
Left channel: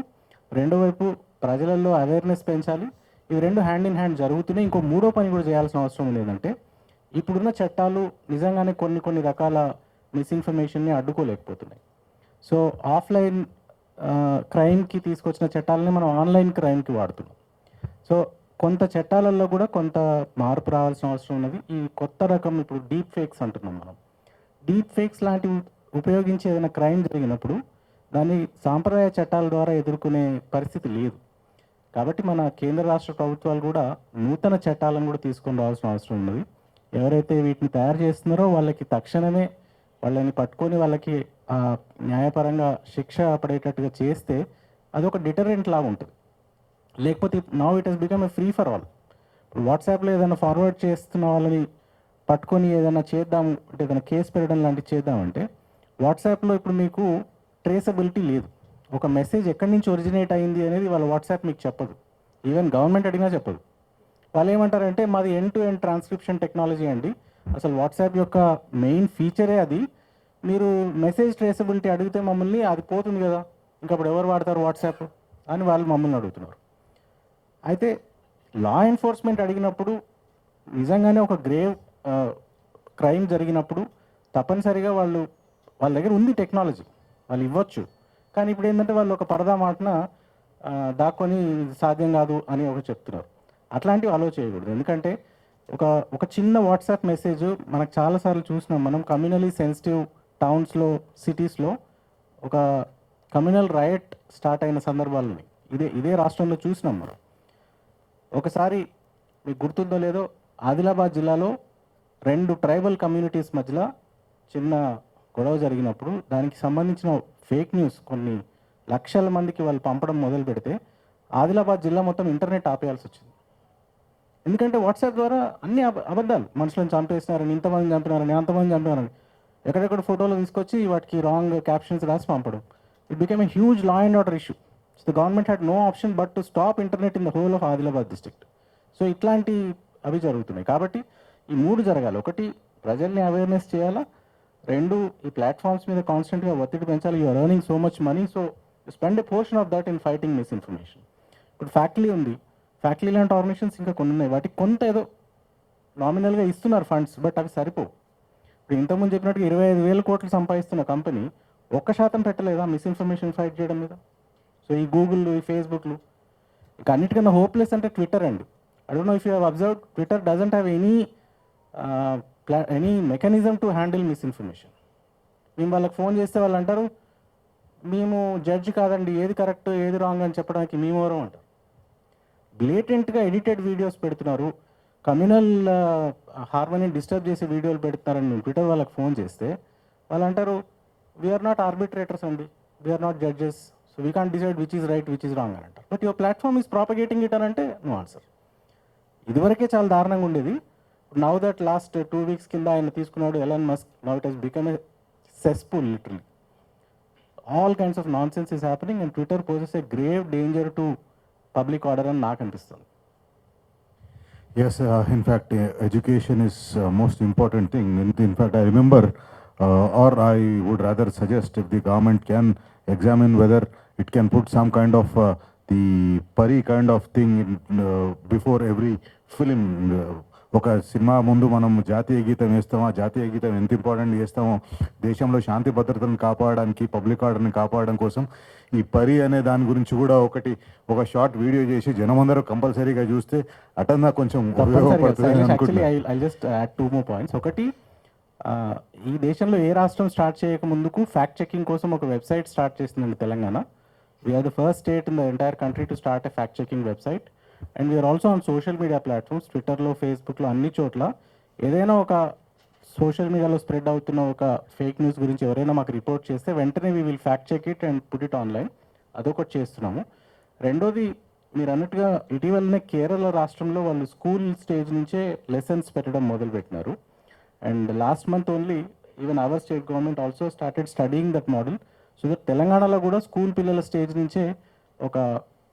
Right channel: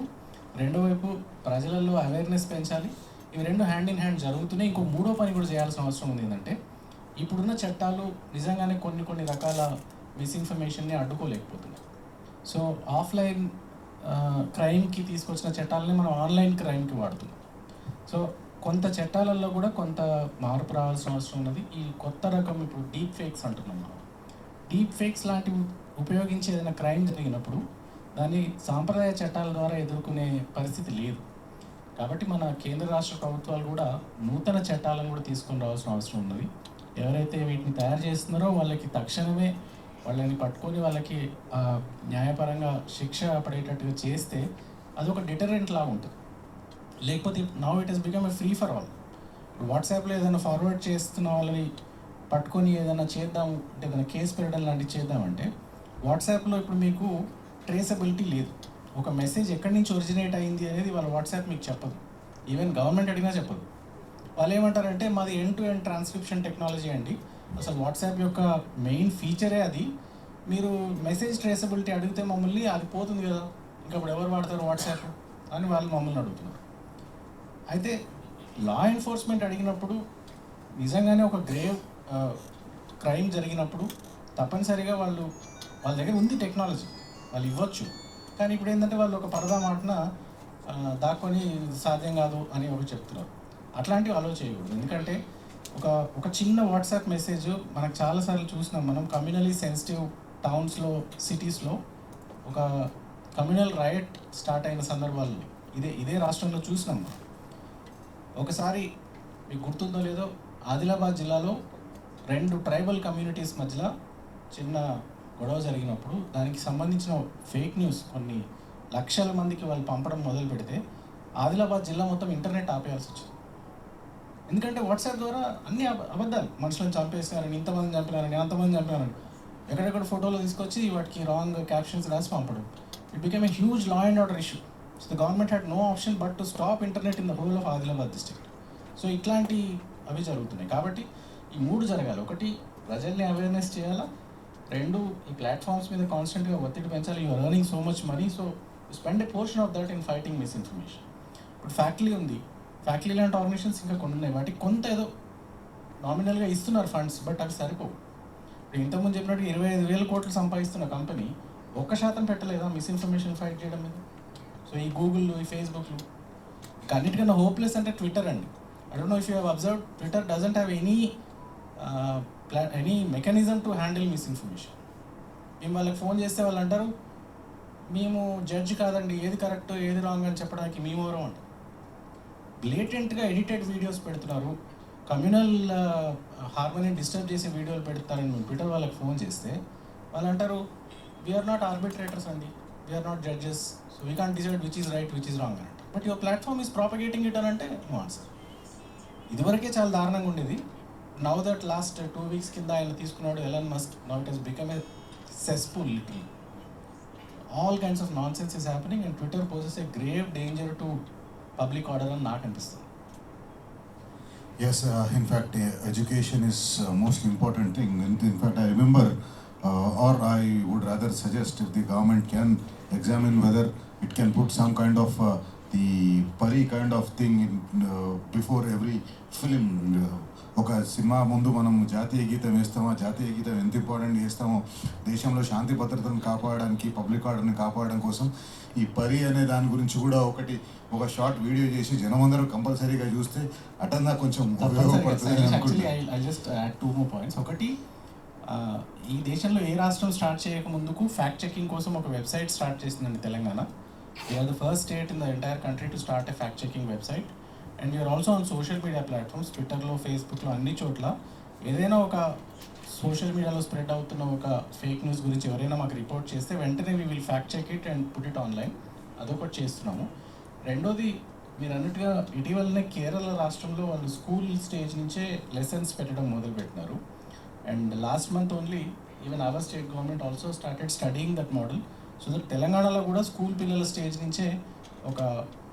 రెండో వైపు ప్రజలలో అవేర్నెస్ పెంచాలి. ఇవి రెండు హ్యాండ్ ఇన్ హ్యాండ్ జరుగుతున్నాయి. ఇంకో మూడో పని కూడా చేయాల్సిన అవసరం ఉంది. ఏంటంటే ఇప్పుడున్న చట్టాలు నిజంగానే కొన్ని రకాల మిస్ఇన్ఫర్మేషన్ని అడ్డుకోలేకపోతున్నాయి. సో ఆఫ్లైన్ క్రైమ్కి తీసుకొచ్చిన చట్టాలని మనం ఆన్లైన్ క్రైమ్కి వాడుతున్నాం. సో కొంత చట్టాలలో కూడా కొంత మార్పు రావాల్సిన అవసరం ఉన్నది. ఈ కొత్త రకం ఇప్పుడు డీప్ ఫేక్స్ అంటున్నాం మనం. డీప్ ఫేక్స్ లాంటివి ఉపయోగించి ఏదైనా క్రైమ్ జరిగినప్పుడు దాన్ని సాంప్రదాయ చట్టాల ద్వారా ఎదుర్కొనే పరిస్థితి లేదు. కాబట్టి మన కేంద్ర రాష్ట్ర ప్రభుత్వాలు కూడా నూతన చట్టాలను కూడా తీసుకొని రావాల్సిన అవసరం ఉన్నది. ఎవరైతే వీటిని తయారు చేస్తున్నారో వాళ్ళకి తక్షణమే వాళ్ళని పట్టుకొని వాళ్ళకి న్యాయపరంగా శిక్ష పడేటట్టుగా చేస్తే అదొక డిటరెంట్ లాగా ఉంటుంది. లేకపోతే now it has become a free for all. వాట్సాప్లో ఏదైనా ఫార్వర్డ్ చేస్తున్న వాళ్ళని పట్టుకొని ఏదైనా చేద్దాం అంటే ఏదైనా కేసు పెట్టడం లాంటివి చేద్దామంటే వాట్సాప్లో ఇప్పుడు మీకు ట్రేసబిలిటీ లేదు. ఒక మెసేజ్ ఎక్కడి నుంచి ఒరిజినేట్ అయింది అనేది వాళ్ళ వాట్సాప్ మీకు చెప్పదు. ఈవెన్ గవర్నమెంట్ అడిగినా చెప్పదు. వాళ్ళు ఏమంటారంటే మాది end to end transcription technology అండి, అసలు వాట్సాప్ యొక్క మెయిన్ ఫీచరే అది, మీరు మెసేజ్ ట్రేసబిలిటీ అడిగితే మమ్మల్ని అది పోతుంది కదా, ఇంకప్పుడు ఎవరు వాడతారు వాట్సాప్ అని వాళ్ళు మమ్మల్ని అడుగుతున్నారు. అయితే లా ఎన్ఫోర్స్మెంట్ అడిగినప్పుడు నిజంగానే ఒక గ్రేవ్ క్రైమ్ జరిగినప్పుడు తప్పనిసరిగా వాళ్ళ దగ్గర ఉంది టెక్నాలజీ, వాళ్ళు ఇవ్వచ్చు. కానీ ఇప్పుడు ఏంటంటే వాళ్ళు ఒక పరదా మాటన దాక్కొని సాధ్యం కాదు అని ఒకటి చెప్తున్నారు. అట్లాంటివి ఆలోచించకూడదు. ఎందుకంటే ఒక చిన్న వాట్సాప్ మెసేజ్ మనకు చాలాసార్లు చూసినాం మనం. కమ్యూనలీ సెన్సిటివ్ టౌన్స్లో, సిటీస్లో ఒక కమ్యూనల్ రైట్ స్టార్ట్ అయిన సందర్భాలు ఇదే రాష్ట్రంలో చూసినాం మనం. ఒకసారి మీకు గుర్తుందో లేదో, ఆదిలాబాద్ జిల్లాలో 2 ట్రైబల్ కమ్యూనిటీస్ మధ్యలో చిన్న గొడవ జరిగినప్పుడు దానికి సంబంధించిన ఫేక్ న్యూస్ కొన్ని లక్షల మందికి వాళ్ళు పంపడం మొదలు పెడితే ఆదిలాబాద్ జిల్లా మొత్తం ఇంటర్నెట్ ఆపేయాల్సి వచ్చింది. ఎందుకంటే వాట్సాప్ ద్వారా అన్ని అబద్ధాలు, మనుషులను చంపేస్తున్నారని, ఇంతమంది చంపినారని, అంతమంది చంపినారని ఎక్కడెక్కడ ఫోటోలు తీసుకొచ్చి వాటికి రాంగ్ క్యాప్షన్స్ రాసి పంపడం. It became a huge law and order issue. So government had no option but to stop internet in the whole of Adilabad district. So ఇట్లాంటి అవి జరుగుతున్నాయి. కాబట్టి ఈ 3 జరగాలి. ఒకటి, ప్రజల్ని అవేర్నెస్ చేయాలా. 2, ఈ ప్లాట్ఫామ్స్ మీద కాన్స్టెంట్గా ఒత్తిడి పెంచాలి. You're earning so much money, so spend a portion of that in fighting misinformation. ఇప్పుడు ఫ్యాక్టరీ ఉంది, ఫ్యాక్టరీ లాంటి ఆర్గనైజేషన్స్ ఇంకా కొన్ని ఉన్నాయి. వాటికి కొంత ఏదో నామినల్గా ఇస్తున్నారు ఫండ్స్, బట్ అవి సరిపోవు. ఇప్పుడు ఇంతకుముందు చెప్పినట్టు 25,000 కోట్లు సంపాదిస్తున్న కంపెనీ 1% పెట్టలేదా మిస్ఇన్ఫర్మేషన్ ఫైట్ చేయడం మీద? సో ఈ గూగుల్, ఈ ఫేస్బుక్లు, ఇక అన్నిటికన్నా హోప్లెస్ అంటే ట్విట్టర్ అండి. I don't know if you have observed, Twitter doesn't have any mechanism to handle misinformation. మేము వాళ్ళకి ఫోన్ చేస్తే వాళ్ళు అంటారు మేము జడ్జి కాదండి, ఏది కరెక్ట్ ఏది రాంగ్ అని చెప్పడానికి మేమెవరం అంటే. బ్లేటెంట్గా ఎడిటెడ్ వీడియోస్ పెడుతున్నారు, కమ్యూనల్ హార్మోనీ డిస్టర్బ్ చేసే వీడియోలు పెడతారని ట్విట్టర్ వాళ్ళకి ఫోన్ చేస్తే వాళ్ళు అంటారు వీఆర్ నాట్ ఆర్బిట్రేటర్స్ అండి, we're not judges, so we can't decide which is right which is wrong అని. But your platform is propagating it అని అంటే నో ఆన్సర్. ఇదివరకే చాలా దారుణంగా ఉండేది. నౌ దట్ లాస్ట్ 2 weeks కింద ఆయన తీసుకున్నాడు Elon Musk, now it has become a cesspool literal. All kinds of nonsense is happening and Twitter poses a grave danger to public order అని నాకు అనిపిస్తుంది. Yes, in fact, education is most important thing. In fact, I remember, or I would rather suggest, if the government can examine whether it can put some kind of the pari kind of thing in, before every film. ఒక cinema ముందు మనం జాతీయ గీతం వేస్తామో, జాతీయ గీతం ఎంత important చేస్తామో, దేశంలో శాంతి భద్రతను కాపాడడానికి, పబ్లిక్ ఆర్డర్ని కాపాడడం కోసం ఈ పరి అనే దాని గురించి కూడా ఒక షార్ట్ వీడియో చేసి జనమందరూ కంపల్సరీగా చూస్తే అటన్నా కొంచెం ఉపయోగపడుతుంది అనుకుంటున్నాను. I just add 2 more points. ఒకటి, ఈ దేశంలో ఏ రాష్ట్రం స్టార్ట్ చేయక ముందుకు ఫ్యాక్ట్ చెకింగ్ కోసం ఒక వెబ్సైట్ స్టార్ట్ చేసిందండి Telangana. We're the first state in the entire country to start a fact checking website. And we're also on social media platforms, ట్విట్టర్లో, ఫేస్బుక్లో, అన్ని చోట్ల ఏదైనా ఒక సోషల్ మీడియాలో స్ప్రెడ్ అవుతున్న ఒక ఫేక్ న్యూస్ గురించి ఎవరైనా మాకు రిపోర్ట్ చేస్తే వెంటనే we will fact check it and put it online. అదొకటి చేస్తున్నాము. రెండోది, మీరు అన్నట్టుగా ఇటీవలనే కేరళ రాష్ట్రంలో వాళ్ళు స్కూల్ స్టేజ్ నుంచే లెసన్స్ పెట్టడం మొదలుపెట్టినారు. And last month only even our state government also started studying that model. So that తెలంగాణలో కూడా స్కూల్ పిల్లల స్టేజ్ నుంచే ఒక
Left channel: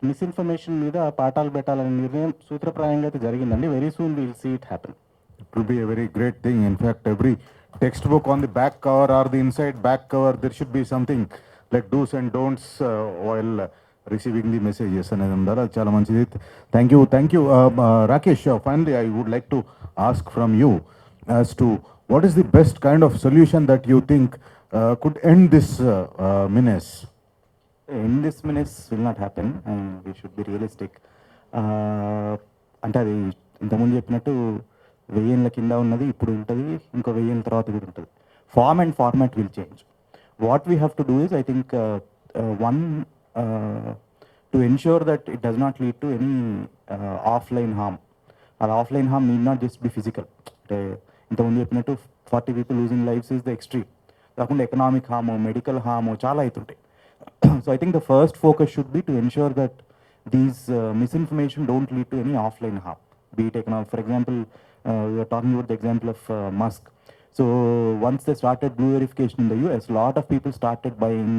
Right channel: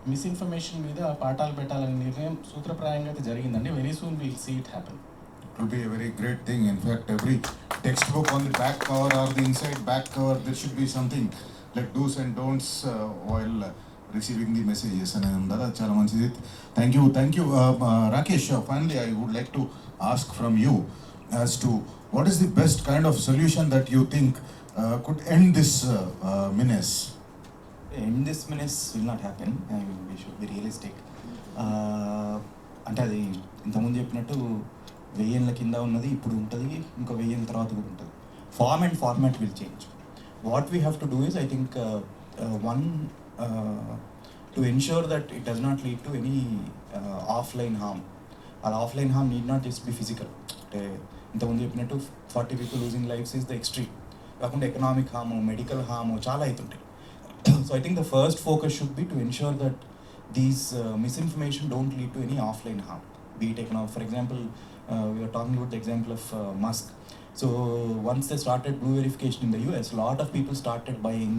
మిస్ఇన్ఫర్మేషన్ మీద పాఠాలు పెట్టాలనే నిర్ణయం సూత్రప్రాయంగా అయితే జరిగిందండి. Very soon will see it happen. It will be a very great thing. In fact, every textbook on the back cover or the inside back cover, there should be something like do's and don'ts while receiving the messages. And that's చాలా మంచిది. Thank you. Rakesh, finally I would like to ask from you as to what is the best kind of solution that you think could end this menace? In this menace will not happen and we should be realistic. అంటే అది ఇంతకుముందు చెప్పినట్టు 1000 ఏళ్ళ కింద ఉన్నది ఇప్పుడు ఉంటుంది, ఇంకో 1000 ఏళ్ళ తర్వాత కూడా ఉంటుంది. Form and format will change. What we have to do is, I think, one, to ensure that it does not lead to any offline harm. అది offline harm need not just be physical. అంటే ఇంతకుముందు చెప్పినట్టు 40 people losing lives is the extreme. కాకుండా economic harm, medical harm చాలా అవుతుంటాయి. So I think the first focus should be to ensure that these misinformation don't lead to any offline harm. Be it economic. For example, we are talking about the example of Musk. So once they started blue verification in the US, a lot of people started buying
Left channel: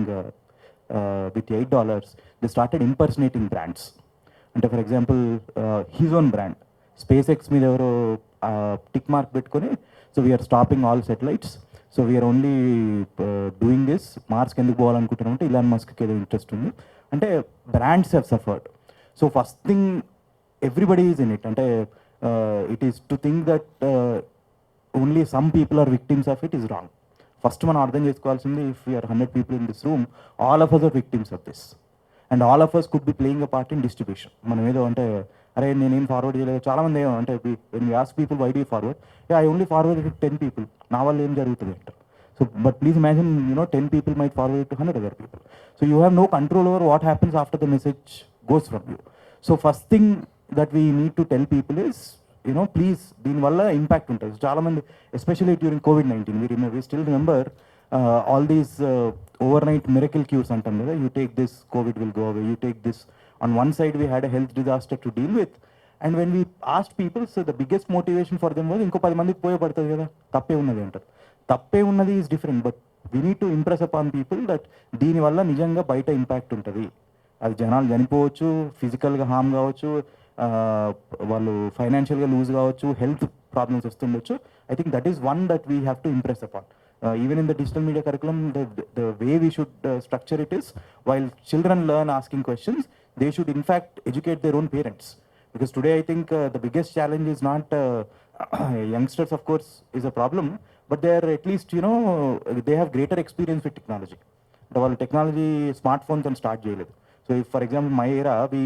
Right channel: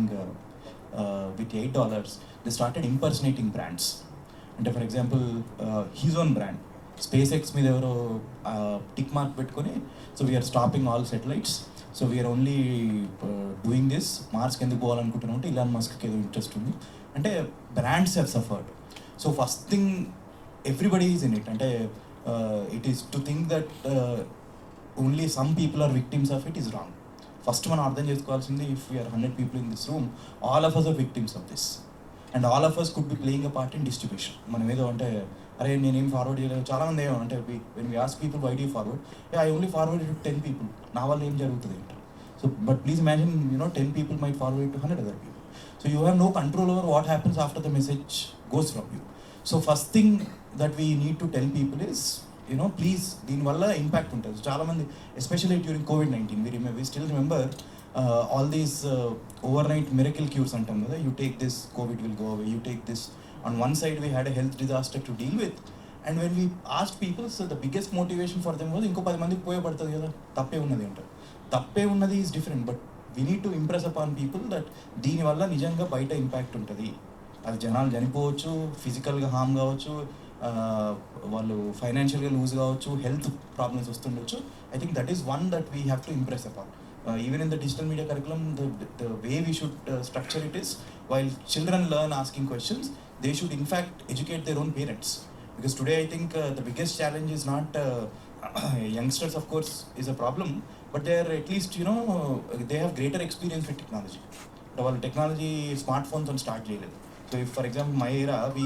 with $8. They started impersonating brands. And for example, his own brand, SpaceX మీద ఎవరో tick mark పెట్టుకొని, so we are stopping all satellites. So we're only doing this, మార్క్స్కి ఎందుకు పోవాలనుకుంటున్నాం అంటే ఇలాన్ మస్క్కి ఏదో interest ఉంది అంటే brands have suffered. So first thing everybody is in it. అంటే it is to think that only some people are victims of it is wrong. First మనం అర్థం చేసుకోవాల్సింది, if you're 100 people in this room, all of us are victims of this and all of us could be playing a part in distribution. మనం ఏదో అంటే అరే నేనేం forward చేయలేదు, చాలామంది ఏమో అంటే when we ask people why do you forward, yeah I only forwarded to 10 people, నా వల్ల ఏం జరుగుతుంది అంటారు. So but please imagine 10 people might forward it to 100 other people. So you have no control over what happens after the message goes from you. So first thing that we need to tell people is, please, దీనివల్ల impact ఉంటుంది. చాలామంది especially during COVID-19 we still remember all these overnight miracle cures అంటాం కదా, you take this, COVID will go away, you take this. On one side we had a health disaster to deal with, and when we asked people, so the biggest motivation for them was ఇంకో 10 మందికి పోయబడుతుంది కదా, తప్పే ఉన్నది అంటారు. తప్పే ఉన్నది is different, but we need to impress upon people that దీనివల్ల నిజంగా బయట ఇంపాక్ట్ ఉంటుంది. అది జనాలు చనిపోవచ్చు, ఫిజికల్గా హార్మ్ కావచ్చు, వాళ్ళు ఫైనాన్షియల్గా లూజ్ కావచ్చు, హెల్త్ ప్రాబ్లమ్స్ వస్తుండొచ్చు. I think that is one that we have to impress upon. Even in the digital media curriculum, the way we should structure it is, while children learn asking questions, they should in fact educate their own parents. Because today I think the biggest challenge is not youngsters, of course, is a problem, but they are at least, they have greater experience with technology. Our technology, smartphone can start చేయలేదు. So if for example my era, we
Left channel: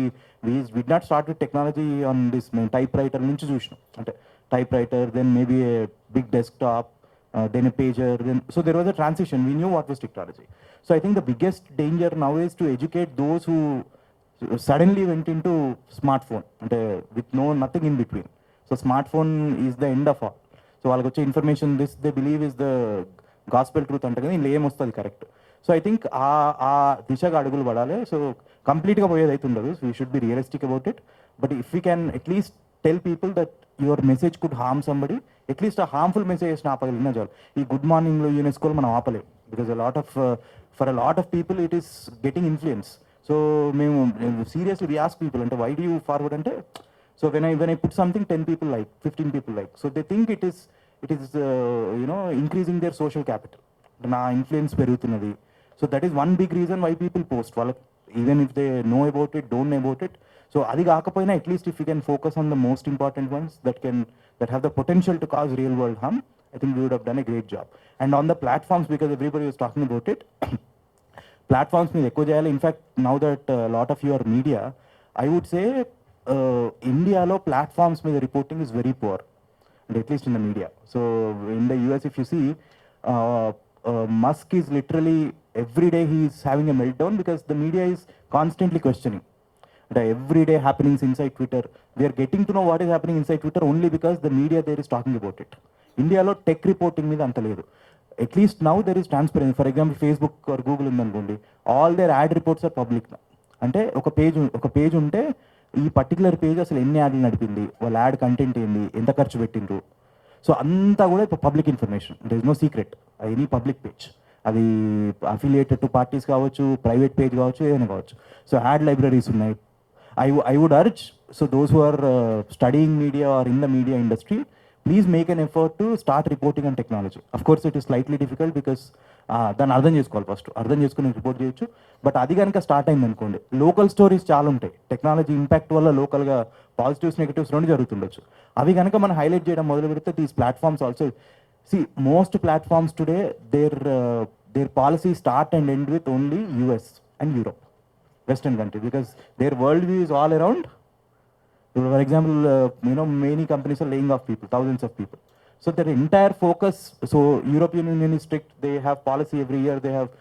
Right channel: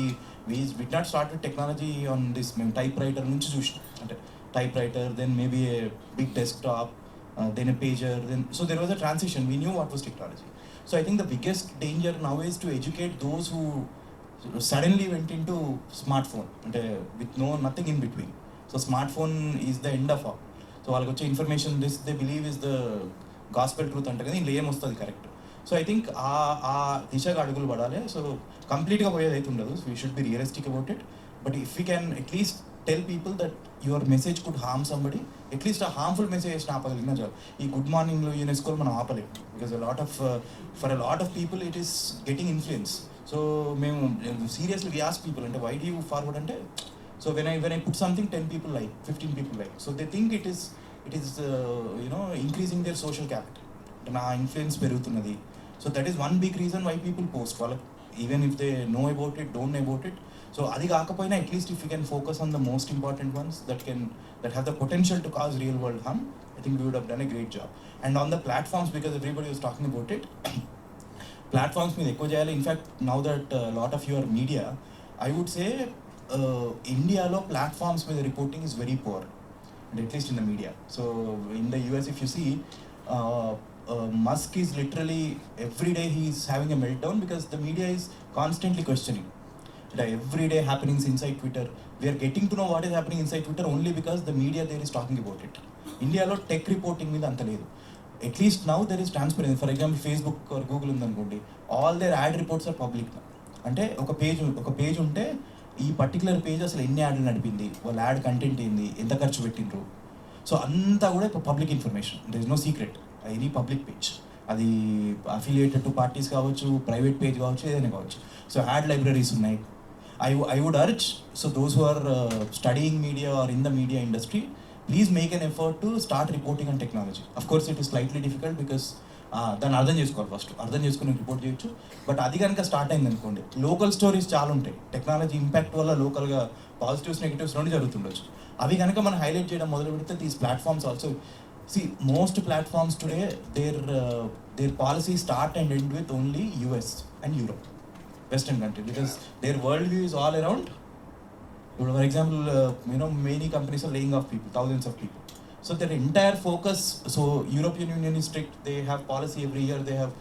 did not start with technology on this typewriter నుంచి చూసాం. అంటే typewriter, then maybe a big desktop, then a pager, so there was a transition. We knew what was technology. So I think the biggest danger now is to educate those who suddenly went into smartphone and with nothing in between. So smart phone is the end of all. So వాళ్ళకి వచ్చే information this they believe is the gospel truth అంటే కదా, ఇందులో ఏమొస్తుంది correct. So I think ఆ దిశగా అడుగులు పడాలి. సో కంప్లీట్గా పోయేది అయితే ఉండదు. So we should be realistic about it. But if you can at least tell people that your message could harm somebody, at least ఆ హార్మ్ఫుల్ మెసేజ్ ఆపగలిగిన జాబ్. ఈ గుడ్ మార్నింగ్లో యునెస్కోలో మనం ఆపలేం, because for a lot of people it is getting influence. So మేము seriously we ask people అంటే why do you forward అంటే, so when I put something 10 people like, 15 people like, so they think it is increasing their social capital. నా influence పెరుగుతున్నది. So that is one big reason why people post. వాళ్ళకి even if they know about it, don't know about it. So అది కాకపోయినా at least if you can focus on the most important ones that have the potential to cause real world harm, I think we would have done a great job. And on the platforms, because everybody was talking about it, platforms మీద ఎక్కువ చేయాలి. In fact now that lot of your media, I would say ఇండియాలో platforms మీద reporting is very poor, at least in the media. So in the US if you see, Musk is literally every day he is having a meltdown because the media is constantly questioning the everyday happenings inside Twitter. We are getting to know what is happening inside Twitter only because the media there is talking about it. ఇండియాలో tech reporting మీద అంత లేదు. At least now there is transparency. For example Facebook or Google ఉందనుకోండి, all their ad reports are public. అంటే ఒక page ఉంటే ఈ particular page అసలు ఎన్ని యాడ్లు నడిపింది, వాళ్ళ యాడ్ కంటెంట్ ఏంది, ఎంత ఖర్చు పెట్టిండ్రు, సో అంతా కూడా ఇప్పుడు public information. There is no secret. Any public page, అది అఫిలియేటెడ్ టు పార్టీస్ కావచ్చు, ప్రైవేట్ పేజ్ కావచ్చు, ఏదైనా కావచ్చు. సో యాడ్ లైబ్రరీస్ ఉన్నాయి. I would urge, so those who are studying media or in the media industry, please make an effort to start reporting on technology. Of course it is slightly difficult because దాన్ని అర్థం చేసుకోవాలి, first అర్థం చేసుకుని report చేయొచ్చు. But అది కనుక start అయింది అనుకోండి, లోకల్ స్టోరీస్ చాలా ఉంటాయి. టెక్నాలజీ ఇంపాక్ట్ వల్ల లోకల్గా పాజిటివ్స్ నెగిటివ్స్ రెండు జరుగుతుండొచ్చు. అవి కనుక మనం హైలైట్ చేయడం మొదలు పెడితే these platforms also, see most platforms today, their policies start and end with only US and Europe, Western country, because their worldview is all around. For example, many companies are laying off people, thousands of people. So their entire focus, so European Union is strict, they have policy every year, they have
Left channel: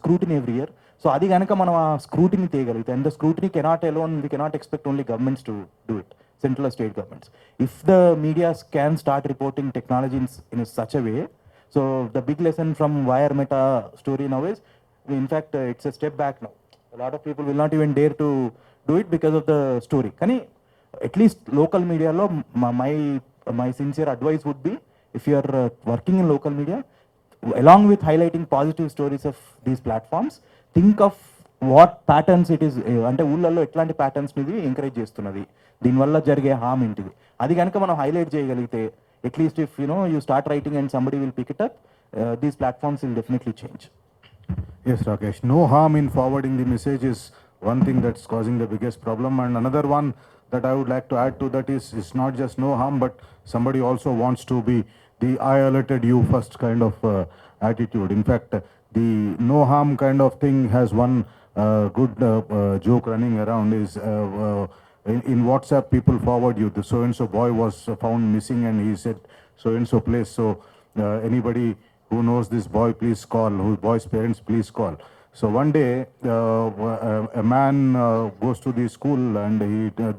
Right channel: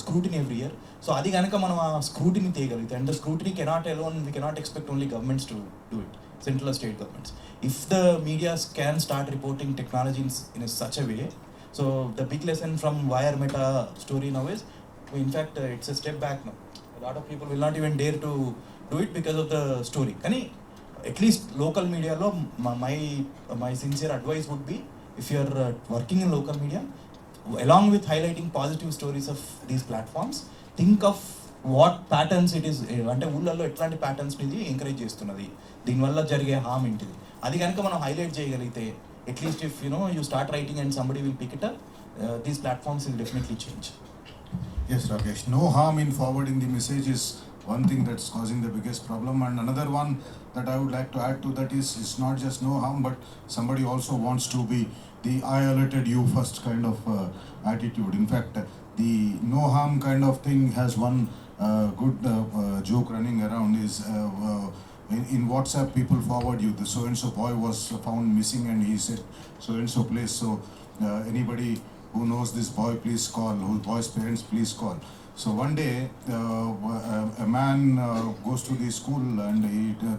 scrutiny every year. So adi ganaka మనం ఆ scrutiny తీయగలిగితే, and the scrutiny cannot alone, we cannot expect only governments to do it, central or state governments. If the media can start reporting technology in such a way, so the big lesson from Wire Meta story now is, in fact, it's a step back now. A lot of people will not even dare to do it because of the story. Kani at least local media lo, my sincere advice would be, if you are working in local media, along with highlighting positive stories of these platforms, think of what patterns it is, అంటే ఊళ్ళల్లో ఎట్లాంటి patterns ఇది encourage చేస్తున్నది, దీనివల్ల జరిగే హామ్ ఏంటిది, అది కనుక మనం హైలైట్ చేయగలిగితే, at least if you start writing and somebody will pick it up, these platforms will definitely change. Yes, Rakesh. No harm in forwarding the message is one thing that's causing the biggest problem. And another one that I would like to add to that is, it's not just no harm, but somebody also wants to be the I alerted you first kind of attitude. In fact, the no harm kind of thing has one good joke running around is, in WhatsApp people forward you, the so-and-so boy was found missing and he said so-and-so place. So anybody who knows this boy, please call, whose boy's parents, please call. So one day, a man goes to the school and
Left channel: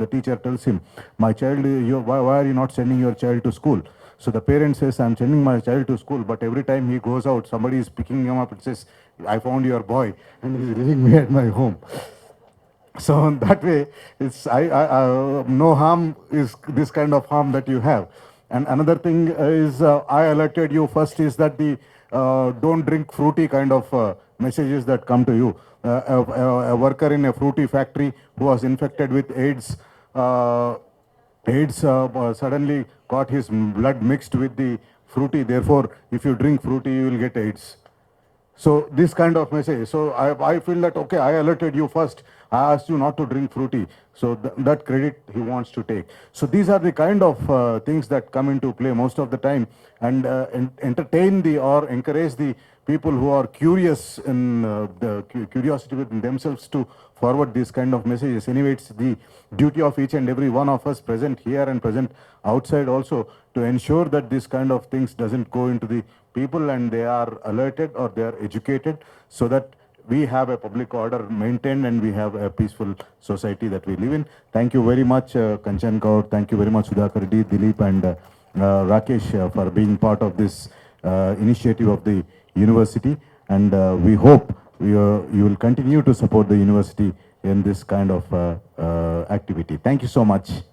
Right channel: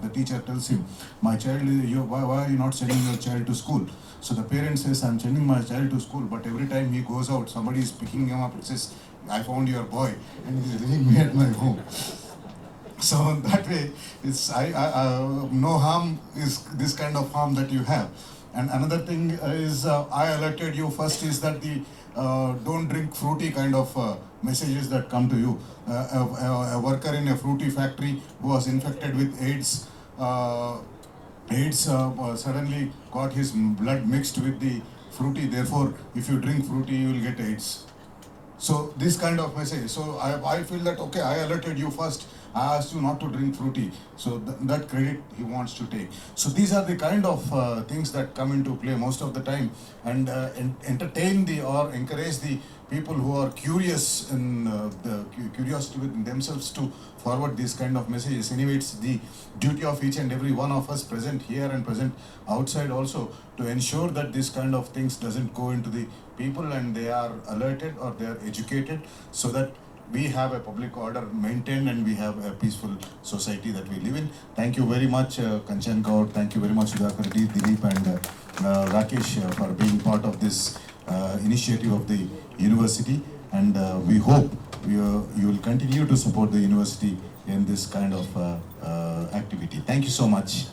the teacher tells him, my child, why are you not sending your child to school? So the parent says, I'm sending my child to school, but every time he goes out, somebody is picking him up and says, I found your boy and he's leaving me at my home. So in that way, it's no harm is this kind of harm that you have. And another thing is, I alerted you first, is that the don't drink fruity kind of messages that come to you. A worker in a fruity factory who was infected with AIDS, suddenly got his blood mixed with the fruity. Therefore, if you drink fruity, you will get AIDS. So this kind of message. So I feel that, okay, I alerted you first. I asked you not to drink fruity. So that credit he wants to take. So these are the kind of things that come into play most of the time, and entertain or encourage the people who are curious in the curiosity within themselves to forward these kind of messages. Anyway, it's the duty of each and every one of us present here and present outside also to ensure that this kind of things doesn't go into the people and they are alerted or they are educated, so that we have a public order maintained and we have a peaceful society that we live in. Thank you very much, Kanchan Gaur. Thank you very much, Sudhakar Reddy, Dilip, and Rakesh for being part of this initiative of the university. And we hope you will continue to support the university in this kind of activity. Thank you so much.